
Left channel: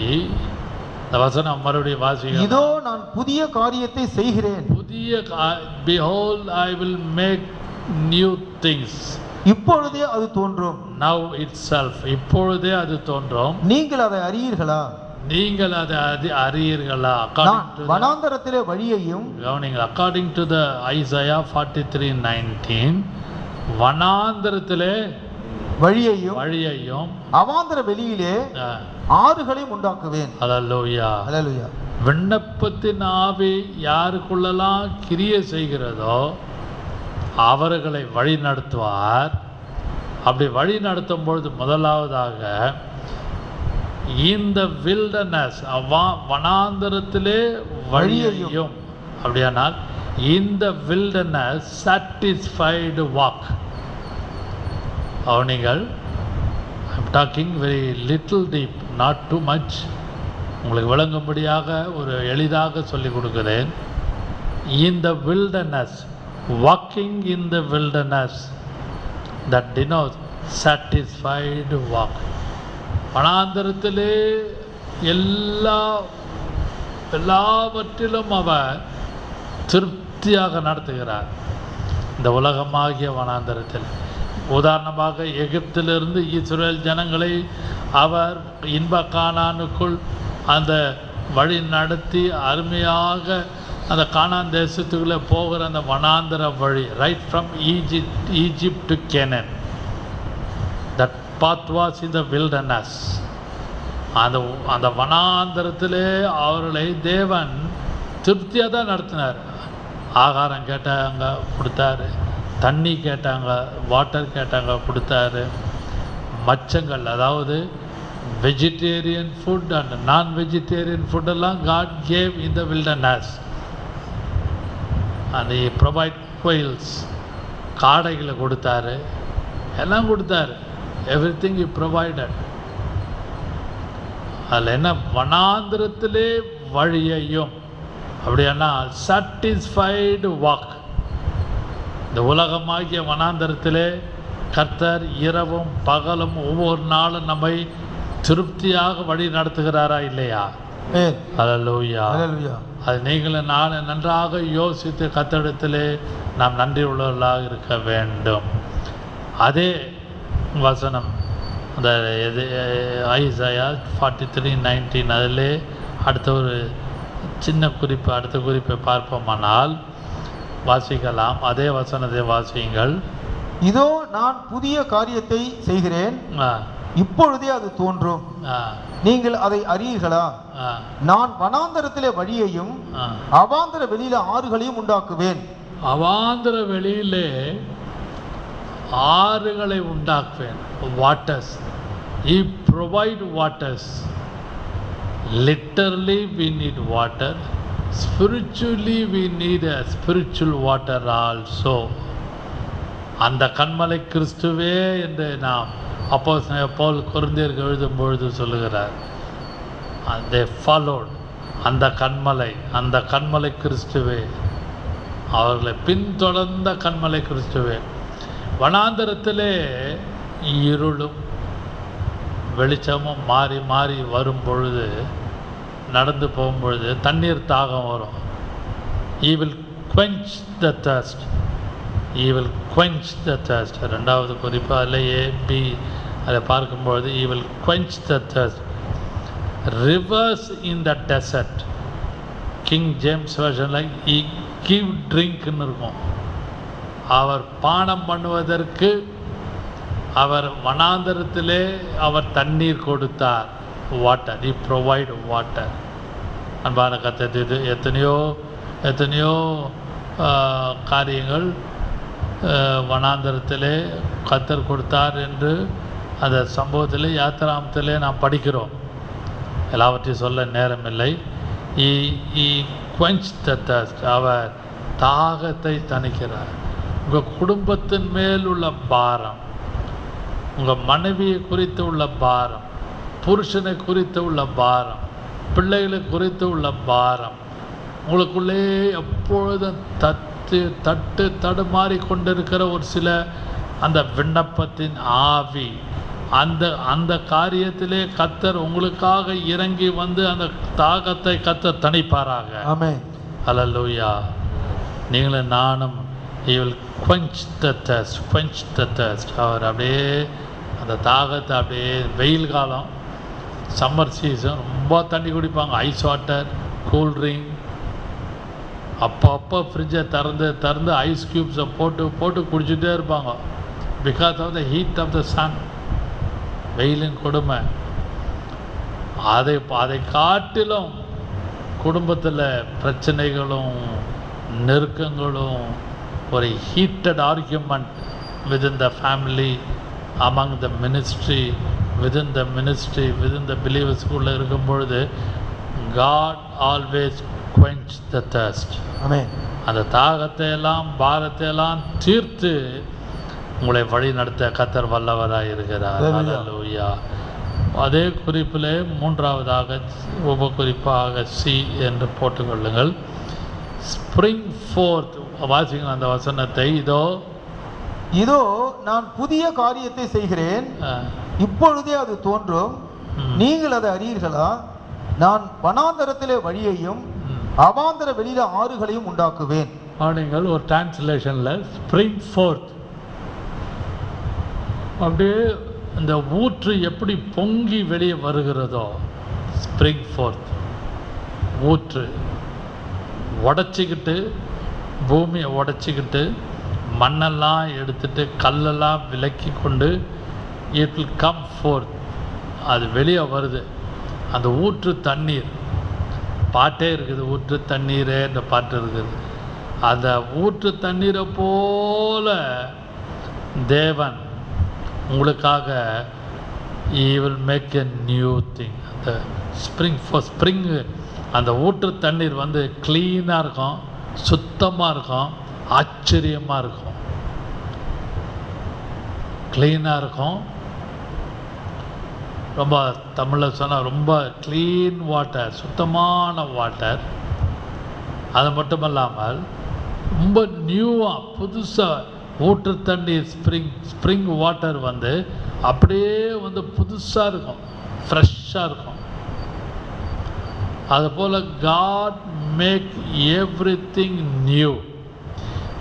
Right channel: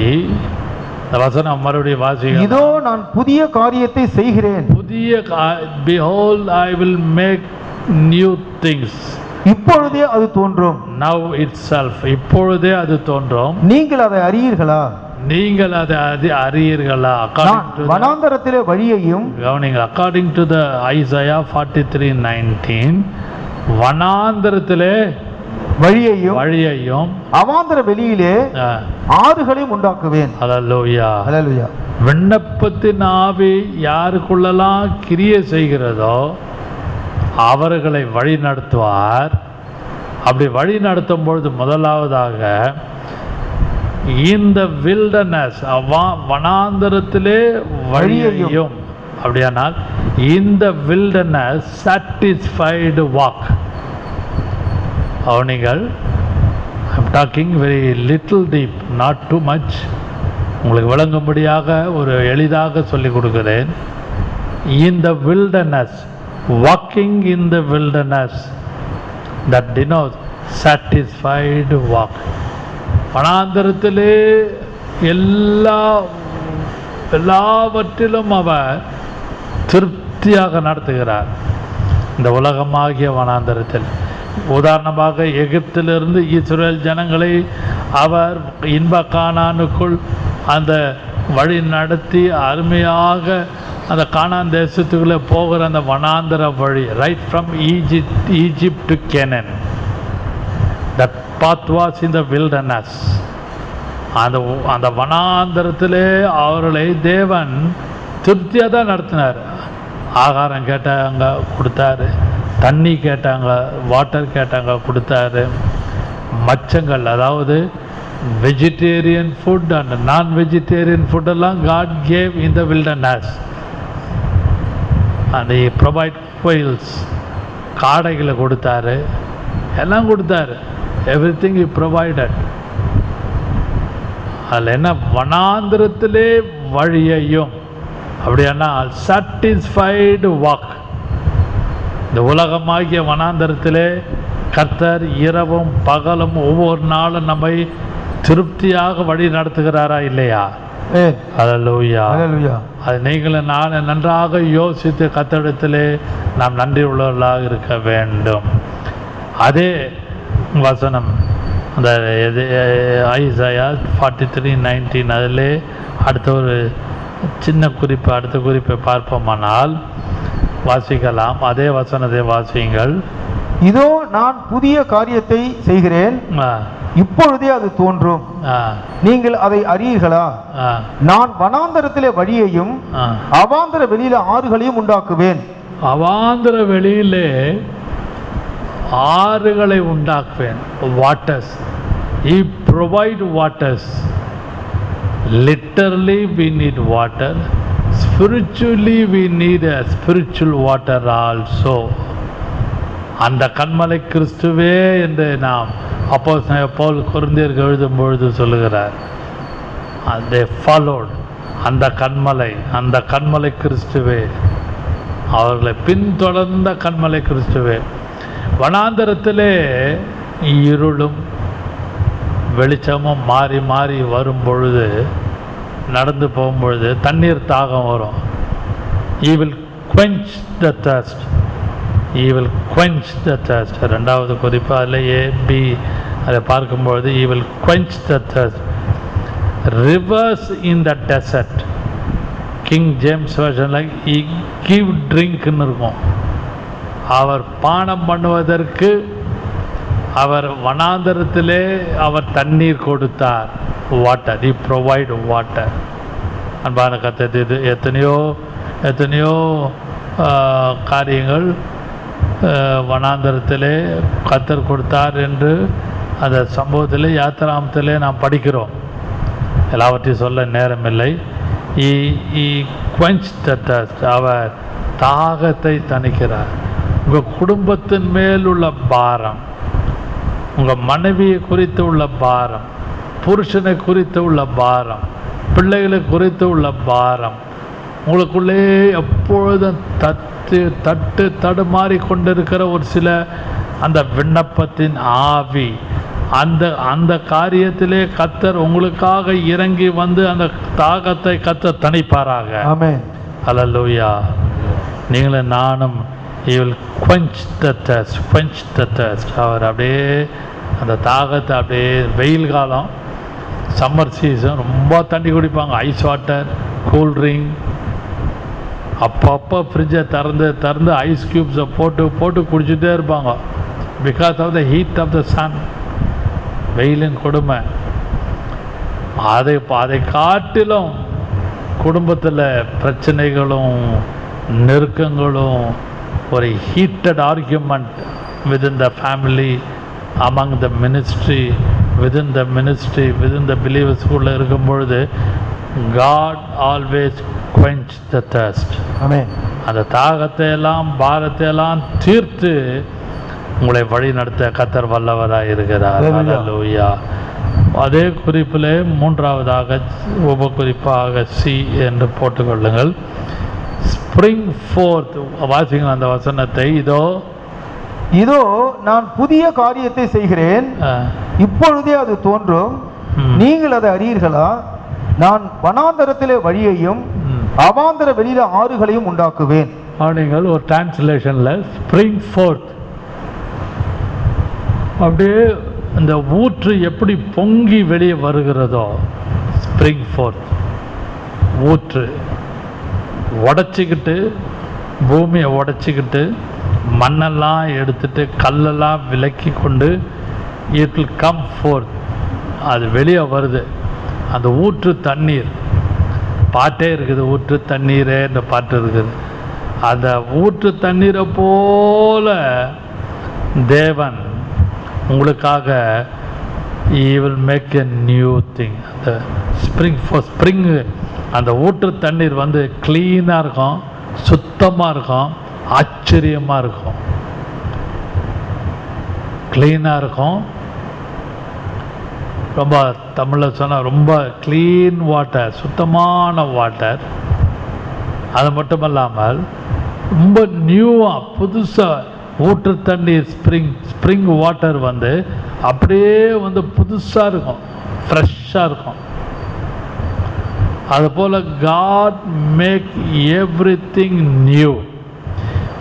இந்த வசனம் மறுபடியும் வாசிக்க, இதோ நான் புதிய காரியத்தை செய்கிறேன், புதிய behold I will make new things, இப்பொழுதே அது தோன்றும், now itself, இப்பொழுதே அது தோன்றும், நீங்கள் அதை அறியீர்களா? நீங்கள் அதை அறியீர்களா? வனாந்தரத்திலே வழியையும், கவனிங்கள், according to the Isaiah 43:19, வனாந்தரத்திலே வழியையும் அவாந்தர வெளியிலே ஆறுகளையும் உண்டாக்குவேன். ஹல்லேலூயா, ஹல்லேலூயா. விண்ணப்பத்தின் ஆவி யாருக்குள்ளெல்லாம் கிரியை செய்கிறதோ அவர்களை வழி நடத்துவார். அப்படி வழி நடத்தும் பொழுது முதலாவதாக இந்த வில்டர்னஸ், வனாந்தரத்திலே வழியையும், அப்படியானால் இந்த வில்டர்னஸ் சாட்டிஸ்ஃபைடு வாக். அவனிகள் I'm talking very little deep, not too much, உங்களுக்கு விளங்கும்படியாக ஒரு எளிதாக சொல்லிக் கொடுக்கிறேன். இந்த wilderness, walking in the wilderness, that denotes satisfied walk. வனாந்தரத்திலே எல்லாவற்றிலும் அவர் திருப்தியாக நடத்துகிறார். இந்த உலகமாகிய வனாந்தரத்தில், உதாரணமாக எகிப்திலிருந்து இஸ்ரேல் ஜனங்களை அவர் இன்ப கானானுக்குள் அந்த வழி நடத்தி அருமையாக அந்த கானான் தேசத்துக்குள்ளே போகிற அந்த வனாந்தர வழி, right from Egypt to Canaan, that path was in the wilderness. அந்த வனாந்தரத்திலே அவர்களை தேவன் திருப்தியாக தான் நடத்தினார். ஆகாரம் கேட்டாங்க கொடுத்தாரு, தண்ணி கேட்டாங்க, வாட்டர் கேட்டாங்க கொடுத்தாரு. மச்சங்கள், அதாவது vegetarian food and non vegetarian ஃபுட்டெல்லாம் God gave in the wilderness. அந்த ப்ரொவைட் கோயில்ஸ், காடைகளை கொடுத்தாரு, எல்லாம் கொடுத்தாரு. Everything you provided. அதில் என்ன, வனாந்திரத்திலே வழியையும், அப்படின்னா சாட்டிஸ்ஃபைடு வாக். இந்த உலகமாகிய வனாந்தரத்திலே கர்த்தர் இரவும் பகலும் ஒவ்வொரு நாளும் நம்மை திருப்தியாக வழி நடத்துகிறாரா இல்லையா? ஹல்லேலூயா, ஹல்லேலூயா. அது நீங்களும் நான் நன்றாக யோசித்து கர்த்தரிடத்திலே நாம் நன்றி உள்ளவர்களாக இருக்க வேண்டும். அதே வசனம் அந்த ஐசாயா 43:19, அதிலே அடுத்த ஒரு சின்ன குறிப்பு, அடுத்த குறிப்பை பார்ப்போமானால் வாசிக்கலாம். அதே வசனத்தை வாசியுங்கள். இதோ நான் புதிய காரியத்தை செய்கிறேன், இப்பொழுதே அது தோன்றும், நீங்கள் அதை அறியீர்களா? நான் வனாந்தரத்திலே வழியையும் அவாந்தர வெளியில ஆறுகளையும் உண்டாக்குவேன். அவாந்தர வெளியிலே ஆறுகளை உண்டாக்குவேன். Waters, he provide waters. Literally we need water, spiritually we need a spiritual water also. அந்த கன்மலை கிறிஸ்துவே என்று நாம் அப்போஸ்தலனாகிய பவுல் கொரிந்தியருக்கு எழுதும் பொழுது சொல்லுகிறார். they followed அந்த கன்மலை கிறிஸ்துவே, அவர்களை பின்தொடர்ந்த கன்மலை கிறிஸ்துவே. வனாந்தரத்திலே இருளும் வெளிச்சமும் மாறி மாறி வரும் பொழுது, நடந்து போகும்பொழுது தண்ணீர் தாகம் வரும். he will quench the thirst, he will quench the thirst. ரெண்டாவது குறிப்பு அதில் A-B அதை பார்க்கும்பொழுது he will quench the thirst. rivers in the desert, King James version like he give drinkன்னு இருக்கும். அவர் பானம் பண்ணுவதற்கு அவர் வனாந்தரத்திலே அவர் தண்ணீர் கொடுத்தார். Water, he provide water. அன்பான கர்த்தர், எத்தனையோ எத்தனையோ காரியங்கள் வனாந்தரத்திலே கர்த்தர் கொடுத்தார் என்று அந்த சம்பவத்தில் யாத்திராமத்திலே நாம் படிக்கிறோம். எல்லாவற்றையும் சொல்ல நேரமில்லை. அவர் தாகத்தை தணிக்கிறார். உங்கள் குடும்பத்தின் மேல் உள்ள பாரம், உங்கள் மனைவியை குறித்து உள்ள பாரம், புருஷனை குறித்து உள்ள பாரம், பிள்ளைகளை குறித்து உள்ள பாரம், உங்களுக்குள்ளே எப்பொழுதும் தட்டு தடுமாறி கொண்டிருக்கிற ஒரு சில அந்த விண்ணப்பத்தின் ஆவி, அந்த காரியத்திலே கர்த்தர் உங்களுக்காக இறங்கி வந்து அந்த தாகத்தை கர்த்தர் தணிப்பாராக. ஆமென். ஹல்லேலூயா. நீங்களும் நானும் he will quench the thirst. அவர் அப்படியே அந்த தாகத்தை அப்படியே, வெயில் காலம், சம்மர் சீசன் ரொம்ப தண்ணி குடிப்பாங்க, ஐஸ் வாட்டர், கூல் ட்ரிங்க், அப்பப்போ ஃப்ரிட்ஜை திறந்து ஐஸ் க்யூப்ஸை போட்டு குடிச்சிட்டே இருப்பாங்க. Because of the heat of the sun, வெயிலின் கொடுமை. அதை காட்டிலும் குடும்பத்தில் பிரச்சனைகளும் நெருக்கங்களும், ஒரு heated argument within the family, among the ministry, within the believers குள்ளே இருக்கும் பொழுது God always quench the thirst. ஆமென். அந்த தாகத்தை எல்லாம் பாரத்தை எல்லாம் தீர்த்து உங்களை வழி நடத்த கர்த்தர் வல்லவராக இருக்கிறார். ஹல்லேலூயா. அதே குறிப்பில் மூன்றாவதாக உபகுறிப்பாக சி என்று போட்டுக்கொள்ளுங்கள். Spring fourth. வாசிங்கள் அந்த வசனத்தை. இதோ நான் புதிய காரியத்தை செய்கிறேன், இப்பொழுதே அது தோன்றும், நீங்கள் அதை அறியீர்களா? நான் வனாந்தரத்திலே வழியையும் அவாந்தர வெளியில ஆறுகளையும் உண்டாக்குவேன். நீங்கள் ஒரு டிரான்ஸ்லேஷனில் ஸ்ப்ரிங் ஃபோர்த், அப்படியே இந்த ஊற்று எப்படி பொங்கி வெளியே வருகிறதோ, ஸ்ப்ரிங் ஃபோர்த் ஊற்று உடச்சிக்கிட்டு, பூமியை உடச்சிக்கிட்டு, மண்ணெல்லாம் எடுத்துட்டு, கல்லெல்லாம் விலக்கி கொண்டு, இட் வில் கம் ஃபோர்த், அது வெளியே வருது. அந்த ஊற்று தண்ணீர், பாட்டே இருக்குது, ஊற்று தண்ணீரே இந்த பாட்டு இருக்குது. அந்த ஊற்று தண்ணீரை போல தேவன் உங்களுக்காக he will make a new thing. அந்த ஸ்ப்ரிங் அந்த ஊற்று தண்ணீர் வந்து க்ளீனாக இருக்கும், சுத்தமாக இருக்கும், ஆச்சரியமாக இருக்கும், க்ளீனாக இருக்கும். ரொம்ப தமிழில் சொன்னால் ரொம்ப க்ளீன் வாட்டர், சுத்தமான வாட்டர். அது மட்டும் இல்லாமல் ரொம்ப நியூவாக புதுசாக ஊற்று தண்ணீர், ஸ்ப்ரிங் வாட்டர் வந்து அப்படியே வந்து புதுசாக இருக்கும், ஃப்ரெஷ்ஷாக இருக்கும். அதுபோல் God make everything new.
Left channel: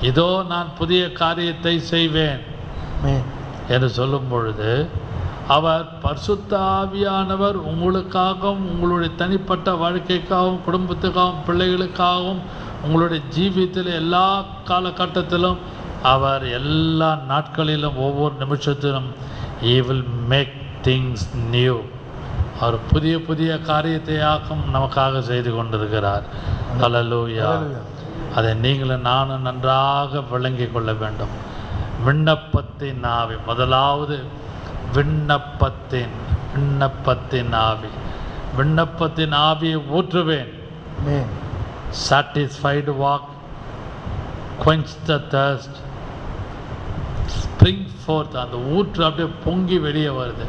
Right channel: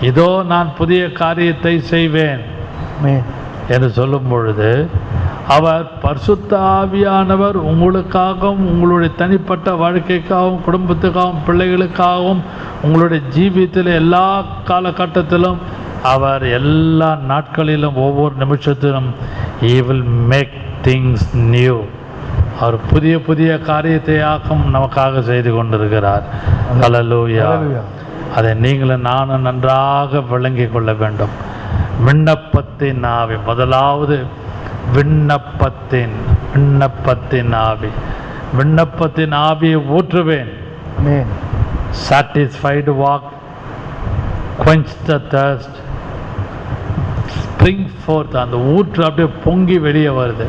இதோ நான் புதிய காரியத்தை செய்வேன் என்று சொல்லும் பொழுது, அவர் பரிசுத்த ஆவியானவர் உங்களுக்காகவும், உங்களுடைய தனிப்பட்ட வாழ்க்கைக்காகவும், குடும்பத்துக்காகவும், பிள்ளைகளுக்காகவும், உங்களுடைய ஜீவியத்தில் எல்லா காலகட்டத்திலும், அவர் எல்லா நாட்களிலும், ஒவ்வொரு நிமிஷத்திலும் he will make things new. அவர் புதிய காரியத்தையாக்கும் நமக்காக செய்து கொண்டிருக்கிறார். ஹல்லேலூயா. அதை நீங்களும் நானும் நன்றாக விளங்கி கொள்ள வேண்டும். விண்ணப்பத்தின் ஆவி, முதலாவது விண்ணப்பத்தின் ஆவி. விண்ணப்பத்தின் ஆவியை ஊற்றுவேன். Satisfied walk, quench the thirst, spring forth. அந்த ஊற்று அப்படியே பொங்கி வெளியே வருது.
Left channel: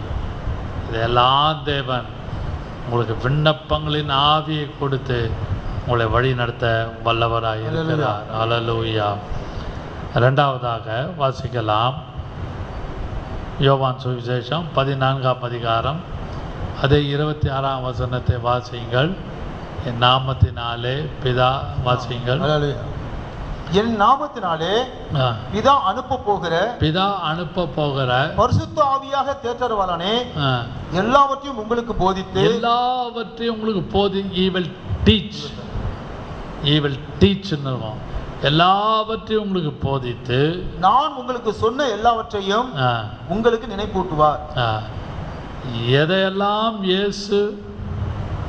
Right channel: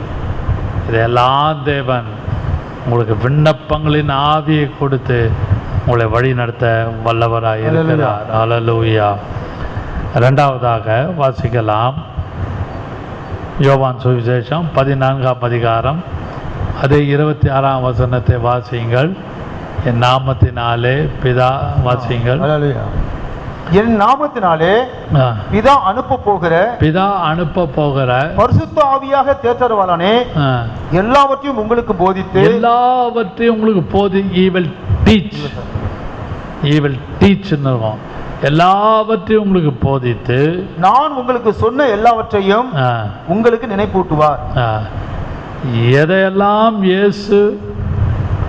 இதெல்லாம் தேவன் உங்களுக்கு விண்ணப்பங்களின் ஆவியை கொடுத்து உங்களை வழி நடத்த வல்லவராக இருக்கிறார். ஹல்லேலூயா. இரண்டாவதாக வாசிக்கலாம், யோவான் சுவிசேஷம் 14ஆம் அதிகாரம், அதே 26ஆம் வசனத்தை வாசியுங்கள். என் நாமத்தினாலே பிதா, வாசியுங்கள். என் நாமத்தினாலே பிதா அனுப்ப போகிற பரிசுத்த ஆவியாக தேற்றரவாளனே எல்லாவற்றையும் உங்களுக்கு போதித்து, he will teach எல்லாவற்றையும் உங்களுக்கு போதித்து, நான் உங்களுக்கு சொன்ன எல்லாவற்றையும் உங்களுக்கு நினைப்பூட்டுவார். எதையெல்லாம் இயேசு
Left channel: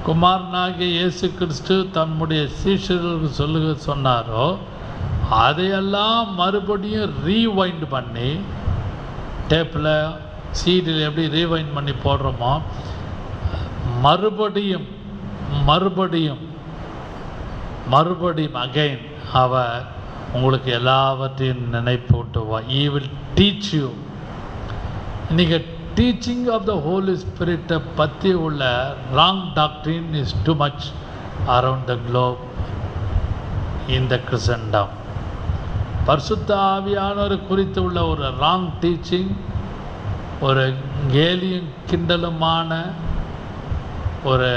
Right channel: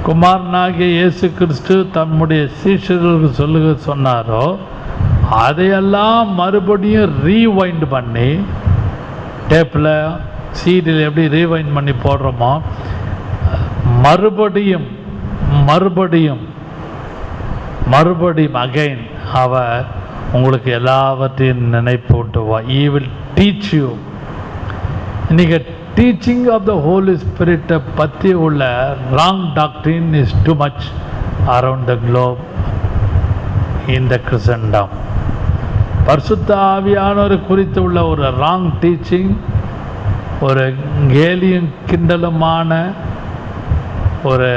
குமாரனாகிய இயேசு கிறிஸ்து தம்முடைய சீஷர்களுக்கு சொன்னாரோ அதையெல்லாம் மறுபடியும் ரீவைண்ட் பண்ணி டேப்பில் சீடில் எப்படி ரீவைண்ட் பண்ணி போடுறோமோ மறுபடியும் அகைன் அவர் உங்களுக்கு எல்லாவற்றையும் நினைப்பூட்டுவா. He will teach you. இன்றைக்கி டீச்சிங் ஆஃப் த ஹோலி ஸ்பிரிட்டை பற்றி உள்ள wrong doctrine is too much around the globe in the Christendom. பரிசுத்த ஆவியானவர் குறித்து உள்ள ஒரு ராங் டீச்சிங், ஒரு கேலியும் கிண்டலுமான ஒரு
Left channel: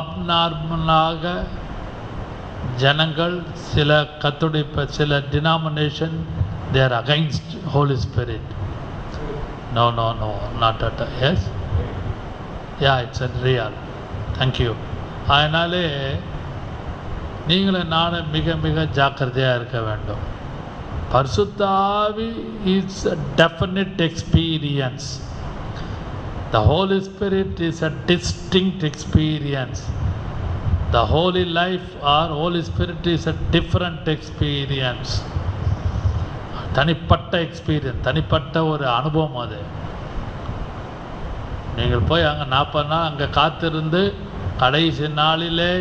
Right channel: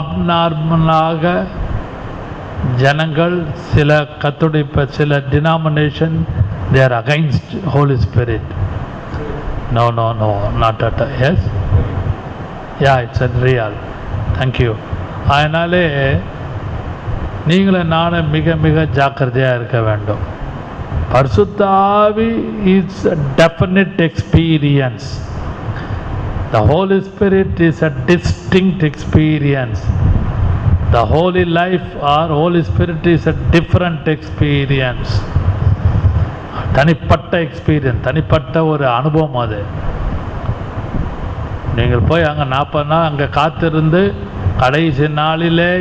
அப்நார்மலாக ஜனங்கள் சில சில denomination they are against Holy Spirit. No, not at all. Yes? Yeah, it's a real. Thank you. அதனாலே நீங்களும் நானும் மிக ஜாக்கிரதையாக இருக்க வேண்டும். பரிசுத்த ஆவி is a definite experience. The Holy Spirit is a distinct experience. The holy life or Holy Spirit is a different experience. தனிப்பட்ட எக்ஸ்பீரியன்ஸ், தனிப்பட்ட ஒரு அனுபவம். அது நீங்கள் போய் அங்கே 40 நாள் அங்கே காத்திருந்து கடைசி நாளிலே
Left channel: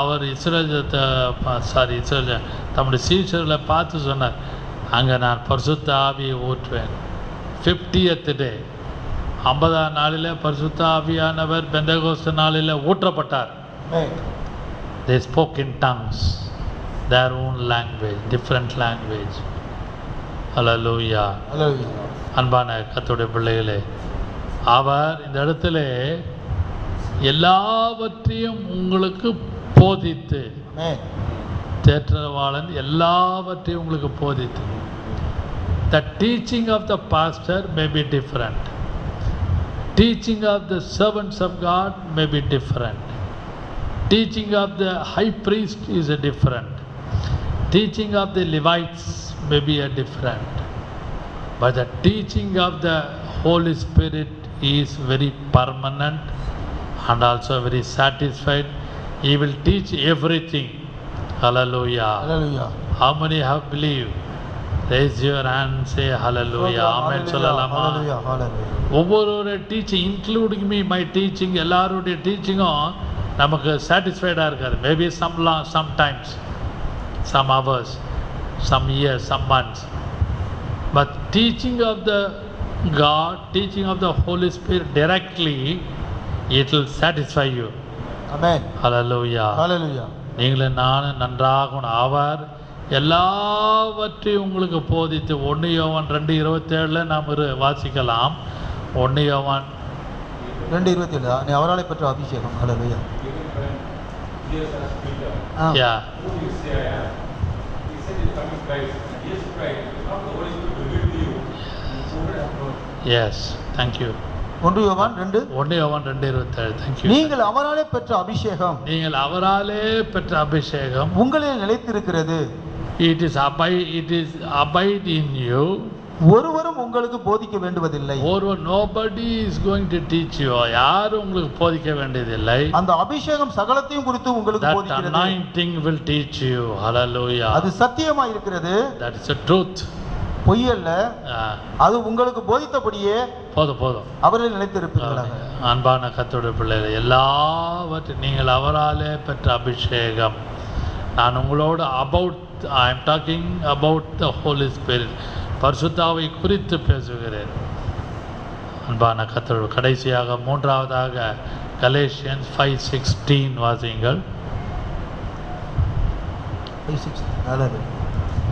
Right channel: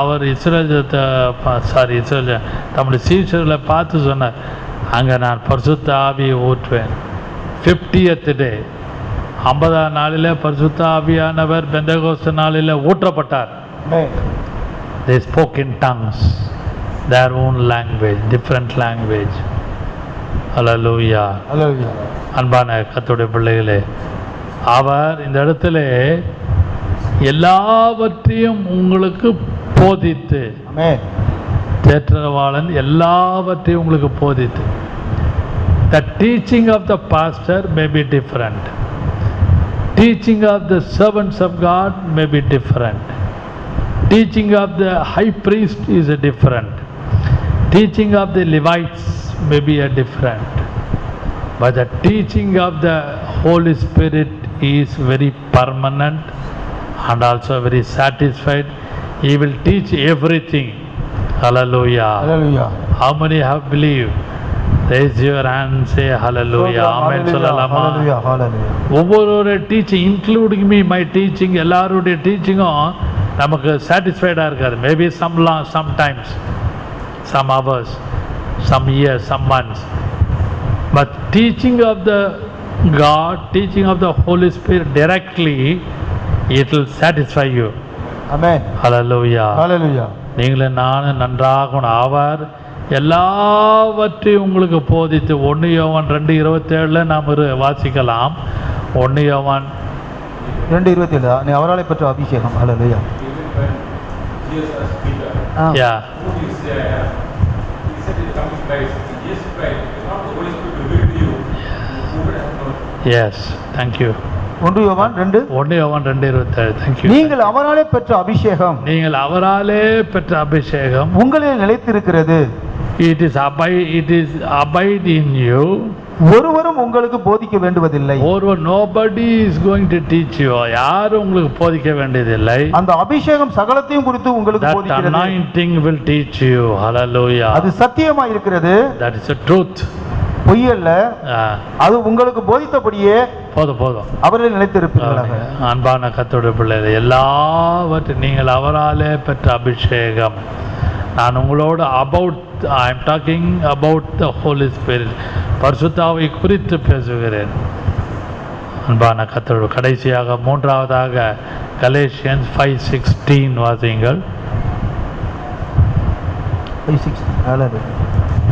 அவர் தம்முடைய சீஷர்களை பார்த்து சொன்னார், அங்கே நான் பரிசுத்த ஆவியை ஊற்றுவேன். 50th டே 50ஆம் நாளில் பரிசுத்த ஆவியானவர் பெந்தெகோஸ்து நாளில் ஊற்றப்பட்டார். They spoke in tongues, their own language, different language. Hallelujah. Hallelujah. அன்பான கர்த்தருடைய பிள்ளைகளே, அவர் இந்த இடத்துல எல்லாவற்றையும் உங்களுக்கு போதித்து, தேற்றவாளன் எல்லாவற்றையும் உங்களுக்கு போதித்து, the teaching of the pastor may be different, teaching of the servants of God may be different, teaching of the high priest is a different, teaching of the Levites may be a different, but the teaching of the Holy Spirit is very permanent and also very satisfied. He will teach everything. Hallelujah. Hallelujah. How many have believed? Raise your hand and say hallelujah. Amen. Sollalama. Hallelujah. Hallelujah. ஒவ்வொரு teaching including me my teaching, எல்லாருடைய டீச்சிங்கும் நமக்கு சாட்டிஸ்ஃபைடாக இருக்காது. Maybe sometimes some hours, some years, some months, but teaching of the God, teaching of the Holy Spirit directly, it will satisfy you. Amen. Hallelujah. Hallelujah. நீங்களும் நானும் நன்றாக அவர் எல்லாவற்றையும் உங்களுக்கு போதித்து 1 யோவான் 2:27 நாம் வாசிக்கலாம். 1 யோவான் 2:27 நீ அவராலே பெற்ற அபிஷேகம். ஹalleluya. Yeah. Yes, thank you. 1 யோவான் 2:27. Thank you. நீங்கள் அவராலே பெற்ற அபிஷேகம், நீங்கள் அவராலே பெற்ற அபிஷேகம் உங்களில் நிலைத்திருக்கிறது. It is abide in you. ஒருவரும் உங்களுக்கு போதிக்க வேண்டுவதில்லை. Nobody is going to teach you. யாரும் உங்களுக்கு போதிக்க வேண்டியதில்லை. அந்த அபிஷேகம் சகலத்தையும் குறித்து உங்களுக்கு போதிக்கிறது. That anointing will teach you. Hallelujah. அது சத்தியமா இருக்கிறது. That is the truth. பொய் அல்ல. அது உங்களுக்கு போதித்தபடியே போதும் அவரில் நிலைத்திருப்பீர்களாக. அன்பான கர்த்தருடைய பிள்ளைகளே, எல்லாவற்றையும் நீங்கள் அவராலே பெற்ற அபிஷேகம். நான் உங்களோட I am talking about the holy spirit, பரிசுத்தாவை குறித்து பேசுகிறேன். அன்பான கர்த்தருடைய கடைசியாக 3வதாக கலேஷியன்ஸ் 5:16 வாசியுங்கள்.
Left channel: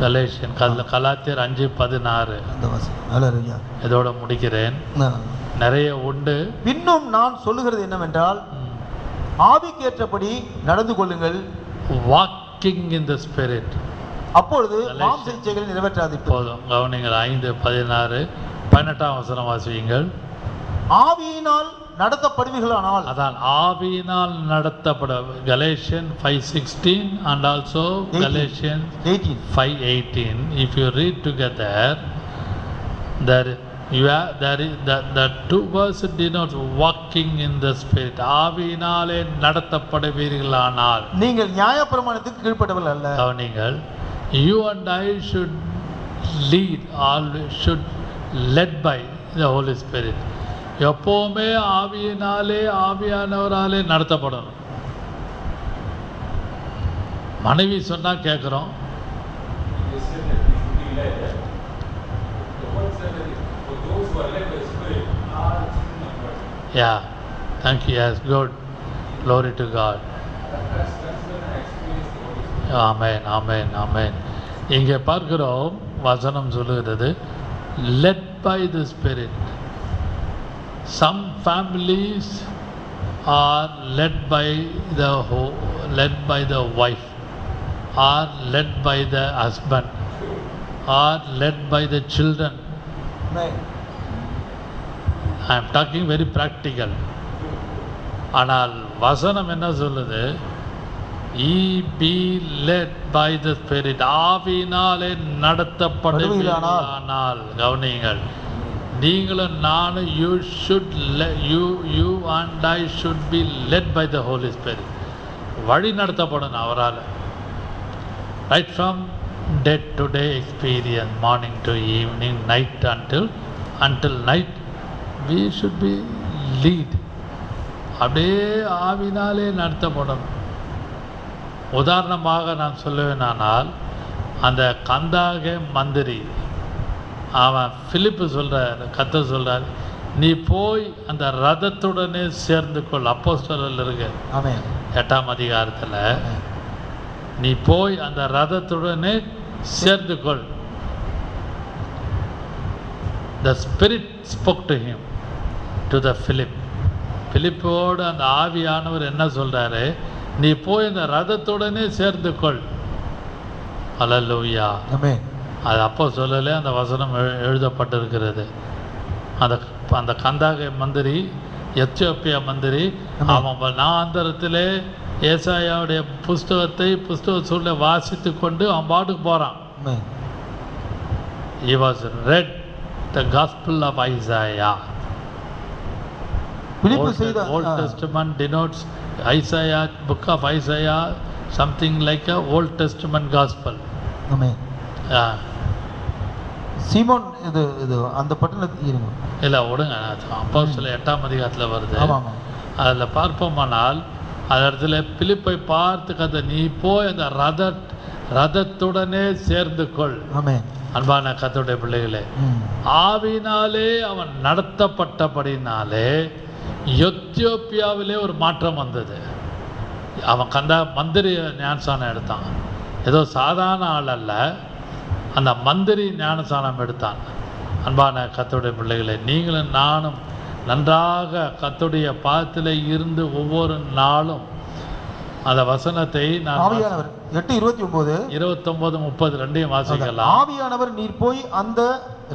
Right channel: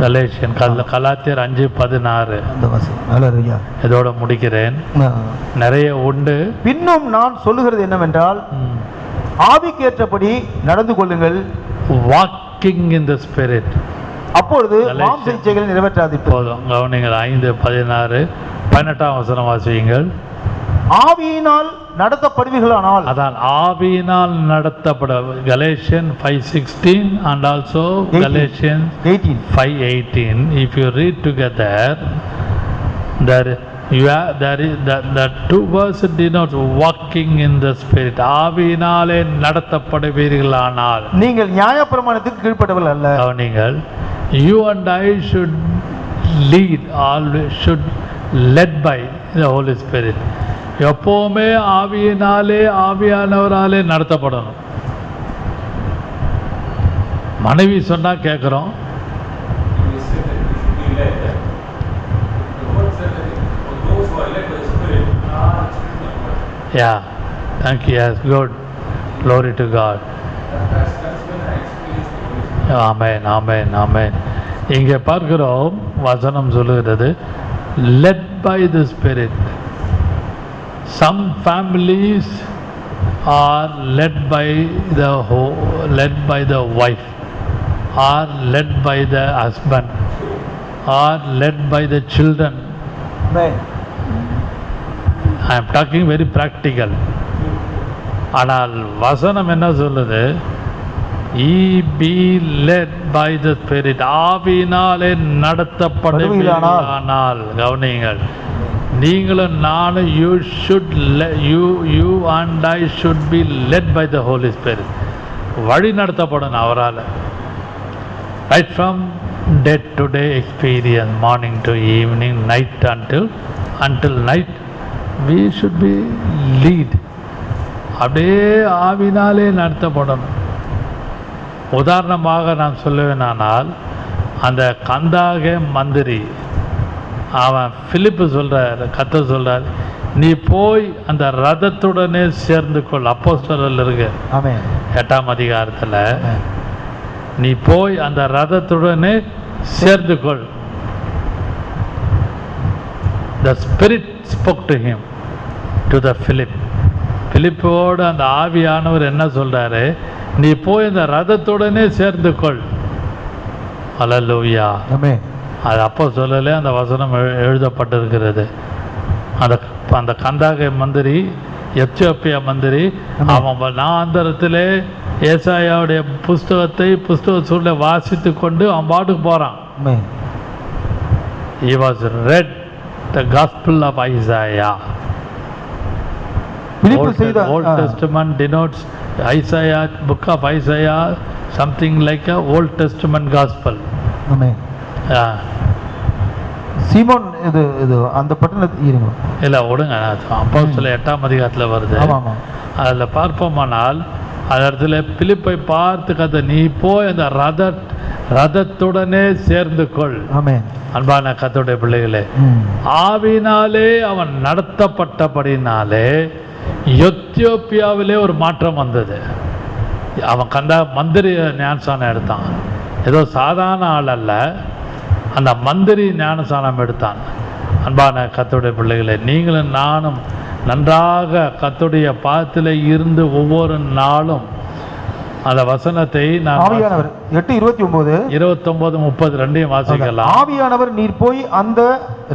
கலேஷியன் கலாத்தியர் 5:16 இதோட முடிக்கிறேன். நிறைய உண்டு. பின்னும் நான் சொல்லுகிறது என்னவென்றால், ஆவிக்கேற்றபடி நடந்து கொள்ளுங்கள். Walking in the spirit. அப்பொழுது மாம்ச இச்சைகள் நிறைவேற்றாது. போதும், கவனிங்கள். 5:16 18ஆம் வசனம் வாசியுங்கள். ஆவியினால் நடத்தப்படுவீர்களானால், அதான் ஆவியினால் நடத்தப்பட. Galatians 5:16 and also Galatians 5:18. If you read together, there You have, there is the two words denotes walking in the spirit. ஆவியினாலே நடத்தப்படுவீர்களானால் நீங்கள் நியாயப்பிரமாணத்துக்கு கீழ்ப்பட்டவர்கள் அல்ல. நீங்கள் you and I should lead, always should led by the Holy Spirit. எப்போவுமே ஆவியினாலே ஆவியானவராலே நடத்தப்படணும். மனைவி சொன்னா கேட்குறோம். Yeah, thank you. Yes, good. Glory to God. Amen, amen, amen. இங்கே பார்க்கிறோம் வசனம் சொல்லுகிறது led by the Spirit. Some families are led by the wife, or led by the husband, or led by the children. Amen. I am talking very practical. ஆனால் வசனம் என்ன சொல்லுது? Ye be led by the Spirit. ஆவியினாலே நடத்தப்படுவீர்களானால் கவனியுங்கள். நீங்களும் நானும் you and I should be led by the Holy Spirit. வழி நடத்தப்படணும் அவரால். Right from day to day experience, morning to evening, night until night, we should be lead. அப்படியே ஆவினாலே நடத்தப்படணும். உதாரணமாக நான் சொல்லுவேனானால் அந்த கந்தாக மந்திரி அவன் பிலிப்பு சொல்கிறார், கர்த்தர் சொல்கிறார், நீ போய் அந்த ரதத்துடனே சேர்ந்து கொள். அப்போஸ்தலரில் இருக்கு 8ஆம் அதிகாரத்தில், நீ போய் அந்த ரதத்துடனே சேர்ந்து கொள். The Spirit spoke to him, to the Philip. பிலிப்போடு அந்த ஆவியானவர் என்ன சொல்கிறாரு? நீ போய் இந்த ரதத்துடனே சேர்ந்து கொள். அல்லேலூயா. அது அப்போ சொல்லலை, அந்த வசனம் எழுதப்பட்டிருக்கிறது. அந்த கந்தாக மந்திரி, எத்தியோப்பியா மந்திரி, அவன் நாந்தரத்திலே ஏசாயாவுடைய புஸ்தக சூழலை வாசித்து கொண்டு அவன் பாட்டுக்கு போகிறான். He was read the gospel of Isaiah. Old Testament denotes Isaiah, book of Isaiah, something like a Old Testament gospel. Amen. சீமோன் இது அந்த பட்டணத்தில் இருங்க இல்லை விடுங்க, அப்போஸ்தலர் 8ஆம் அதிகாரத்தில் வருது. அதில் பார்ப்போமானால் அந்த இடத்துல பிலிப்பை பார்த்து கதை, நீ போய் அந்த ரதத்துடனே சேர்ந்து கொள். அன்பான கர்த்தருடைய பிள்ளைகளே, ஆவினாலே அவன் நடத்தப்பட்டபடினாலே எத்தியோப்பியாவிலே ஒரு மாற்றம் வந்தது. அவன் மந்திரி ஞானசானம் எடுத்தான். ஏதோ சாதாரண ஆள் அல்ல, அந்த மந்திரி ஞானசானம் எடுத்தான். அன்பான கர்த்தருடைய பிள்ளைகளே, நீங்களும் நானும் நன்றாக கர்த்தருடைய பாதத்தில் இருந்து ஒவ்வொரு நாளும் அந்த வசனத்தை ஆவியானவர் 8:29 29:30 ரெண்டையும் வாசிக்கலாம். ஆவியானவர் நீர் போய் அந்த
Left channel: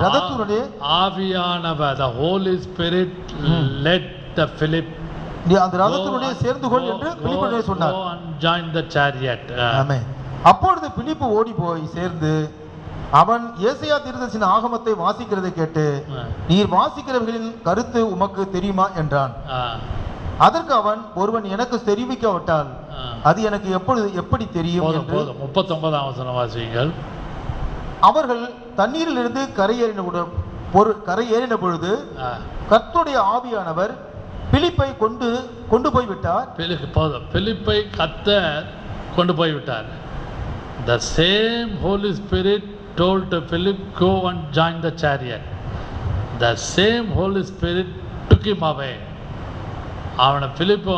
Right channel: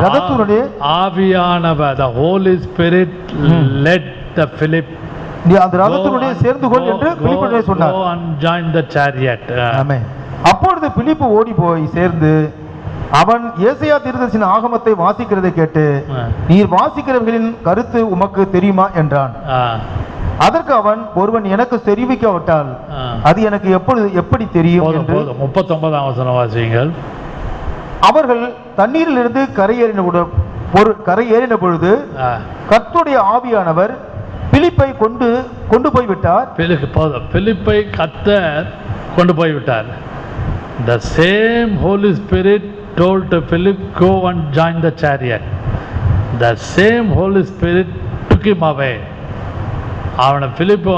ரதத்துடனே, ஆவியானவர் the Holy Spirit led the Philip, நீ அந்த ரதத்துடனே சேர்ந்து கொள் என்று பிலிப்பிடே சொன்னார். Go and join the chariot. ஆமென். அப்பொழுது பிலிப்பு ஓடி போய் சேர்ந்து அவன் ஏசாயா தீர்க்கதரிசியின் ஆகமத்தை வாசிக்கிறதை கேட்டு, நீர் வாசிக்கிறவர்களின் கருத்து உமக்கு தெரியுமா என்றான். அதற்கு அவன், ஒருவன் எனக்கு தெரிவிக்காவிட்டால் அது எனக்கு எப்படி தெரியும் என்று. 39ஆம் வசனம் வாசியுங்கள். அவர்கள் தண்ணீரிலிருந்து கரையேறின பொழுது கர்த்தருடைய ஆவியானவர் பிலிப்பை கொண்டு போய்விட்டார். பிலிப்பை கர்த்தர் கொண்டு போய்விட்டார். The same Holy Spirit told to Philip, go and join the chariot. The same Holy Spirit took him away. அவனை பிலிப்பை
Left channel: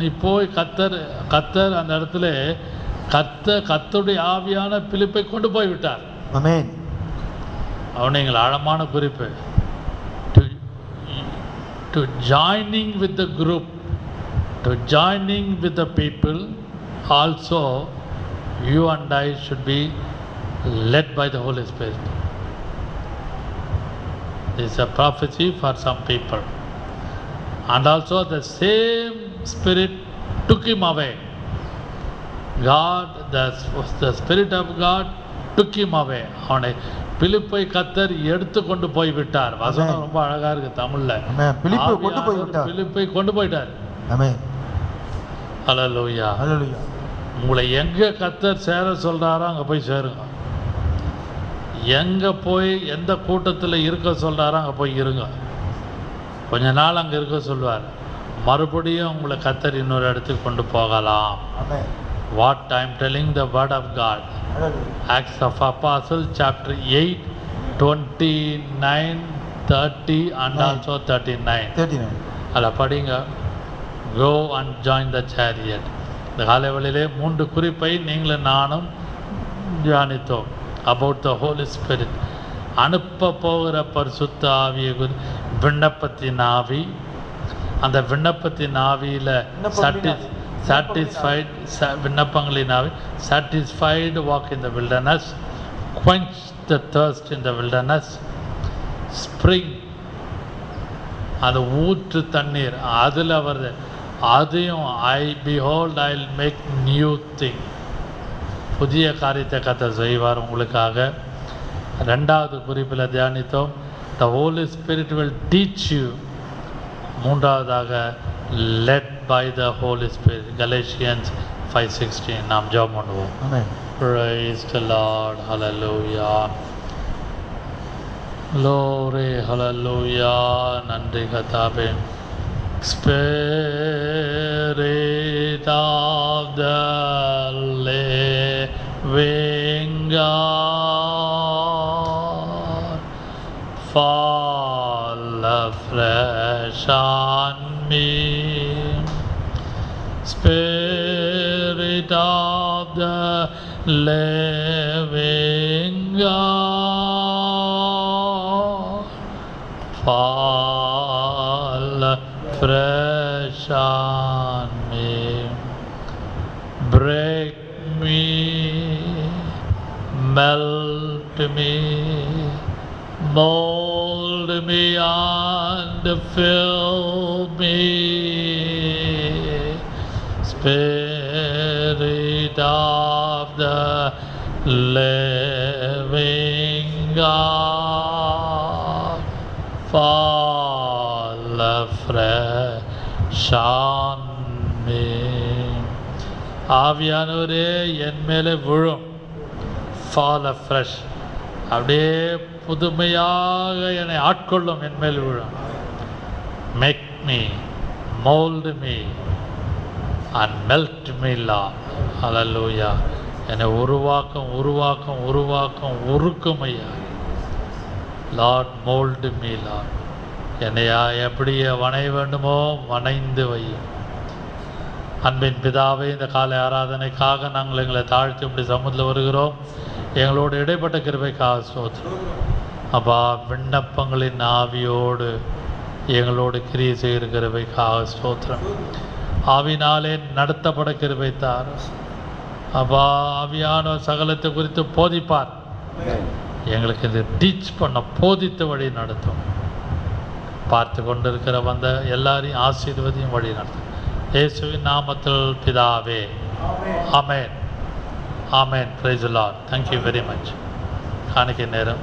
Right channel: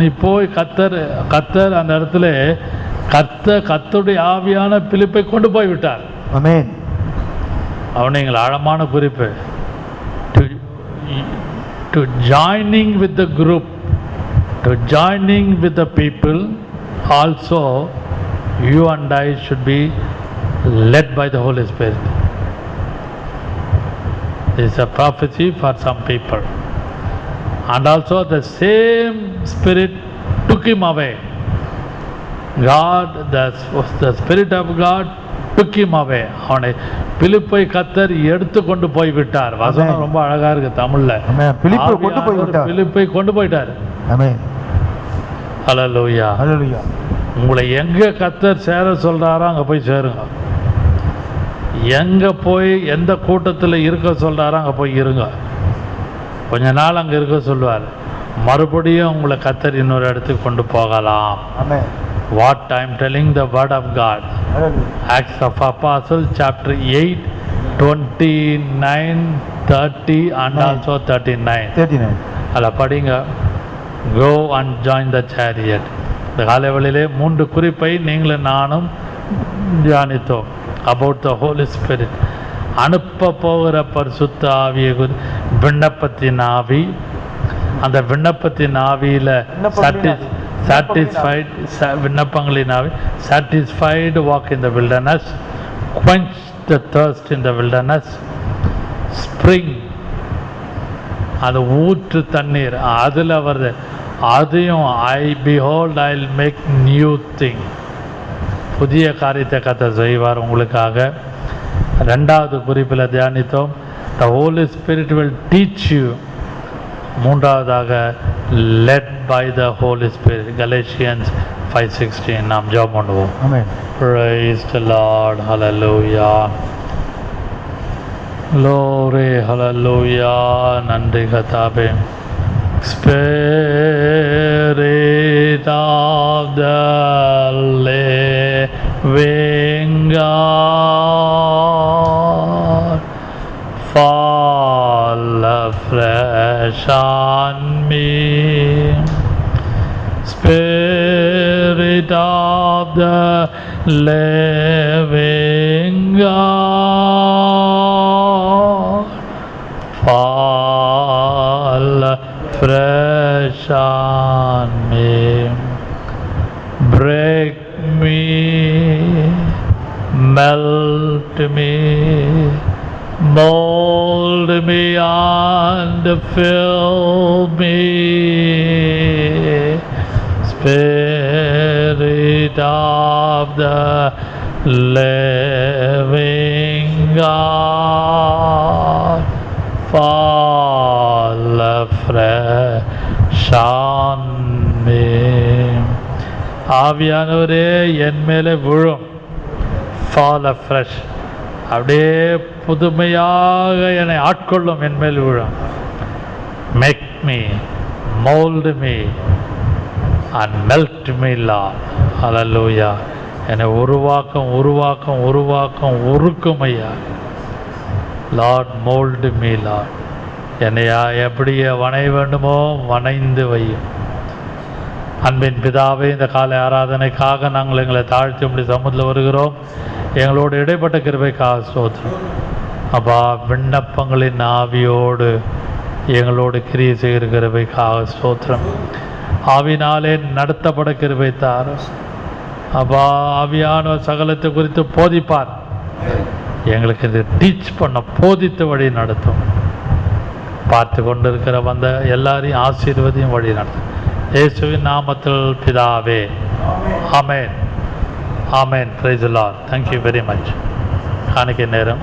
நீ போய் கர்த்தர் அந்த இடத்துல கர்த்தருடைய ஆவியான பிலிப்பை கொண்டு போய்விட்டார். ஆமென். அவனை எங்கள் ஆழமான குறிப்பு. To joining with the group, to joining with the people, also you and I should be led by the Holy Spirit. This is a prophecy for some people. And also the same Spirit took him away. God, the Spirit of God took him away. அவனை பிலிப்பை கர்த்தர் எடுத்து கொண்டு போய் விட்டார். வசனம் ரொம்ப அழகா இருக்கு தமிழ்ல. பிலிப்பை கொண்டு போய் விட்டார். பிலிப்பை கொண்டு போயிட்டார். ஆமென். ஹல்லேலூயா. ஹல்லேலூயா. உங்களை எங்க கர்த்தர் சேர சொல்றாரோ அங்க போய் சேருங்க. எங்க போய் எந்த கூட்டத்தில் இருக்க சொல்றாரோ அங்க போய் இருங்க. கொஞ்ச நாள் அங்க இருக்க சொல்லுவார். மறுபடியும் உங்களை கர்த்தர் இன்னொரு இடத்துக்கு கொண்டு போகலாம். ஆமென். What I am telling the word of God. Acts of Apostles chapter 8, 29, 30 and also 39. 39. அதில் படிங்க. Go and join the chariot. இந்த காலைவெளியிலே 3 குறிப்பை நீங்களும் நானும் தியானித்தோம். About the Holy Spirit. அனுப்ப போகிற பரிசுத்த ஆவியை விண்ணப்பத்தின் ஆவி. அந்த விண்ணப்பத்தின் ஆவியில் satisfied விண்ணப்பங்களின் ஆவி, satisfied walk in the wilderness, quench the thirst in the wilderness, spring, அது ஊற்று தண்ணீர் அதில் வருது. அதையும் behold I'll make new thing, புதிய காரியத்தை கர்த்தர் செய்வார் உங்களுக்காக. 2வது குறிப்பில் தியானித்தோம். The Holy Spirit will teach you. 3வதாக led by the Holy Spirit. Galatians 5:16. நாம் ஜெபம் பண்ணுவோம். Amen. Praise the Lord. Hallelujah. Glory. Hallelujah. நன்றி கர்த்தாவே. Spirit of the living God, fall afresh on me. Spirit of the living God, fall afresh on me. Break me, melt me, mold me and fill me. Spirit of the living God, fall afresh on me. ஆவியானவரே என் மேலே விழும். fall afresh, அப்படியே புதுமையாக என்னை ஆட்கொள்ளும், என் மேல் விழும். make me, mold me and melt me Lord. Hallelujah. என்னை உருக்கும் ஐயா. Lord, mold me Lord. என்னை எப்படி வணைய வேண்டுமோ வணைந்து வையும். அன்பின் பிதாவே, இந்த காலை ஆராதனைக்காக நாங்கள் எங்களை தாழ்த்தி இப்படி சமூகத்தில் வருகிறோம். எங்களோடு இடைப்பட்ட கிருபைக்காக ஸ்தோத்திரம். அப்பா, விண்ணப்பங்களின் ஆவியோடு எங்களோடு கிரியை செய்கிற கிருபைக்காக ஸ்தோத்திரம். ஆவினாலே நடத்தப்பட கிருபை தாரும். அப்பா, ஆவியான சகலத்தை குறித்து போதிப்பார். எங்களுக்கு இது டீச் பண்ண போதித்த வழி நடத்தும். பார்த்து கொண்டிருக்கிற வந்த எல்லாரையும் ஆசீர்வதியும் வழி நடத்தும். இயேசுவின் நாமத்தில் பிதாவே. Amen. Amen. Praise the lord. Thank you very much. காணிக்கை நேரம்.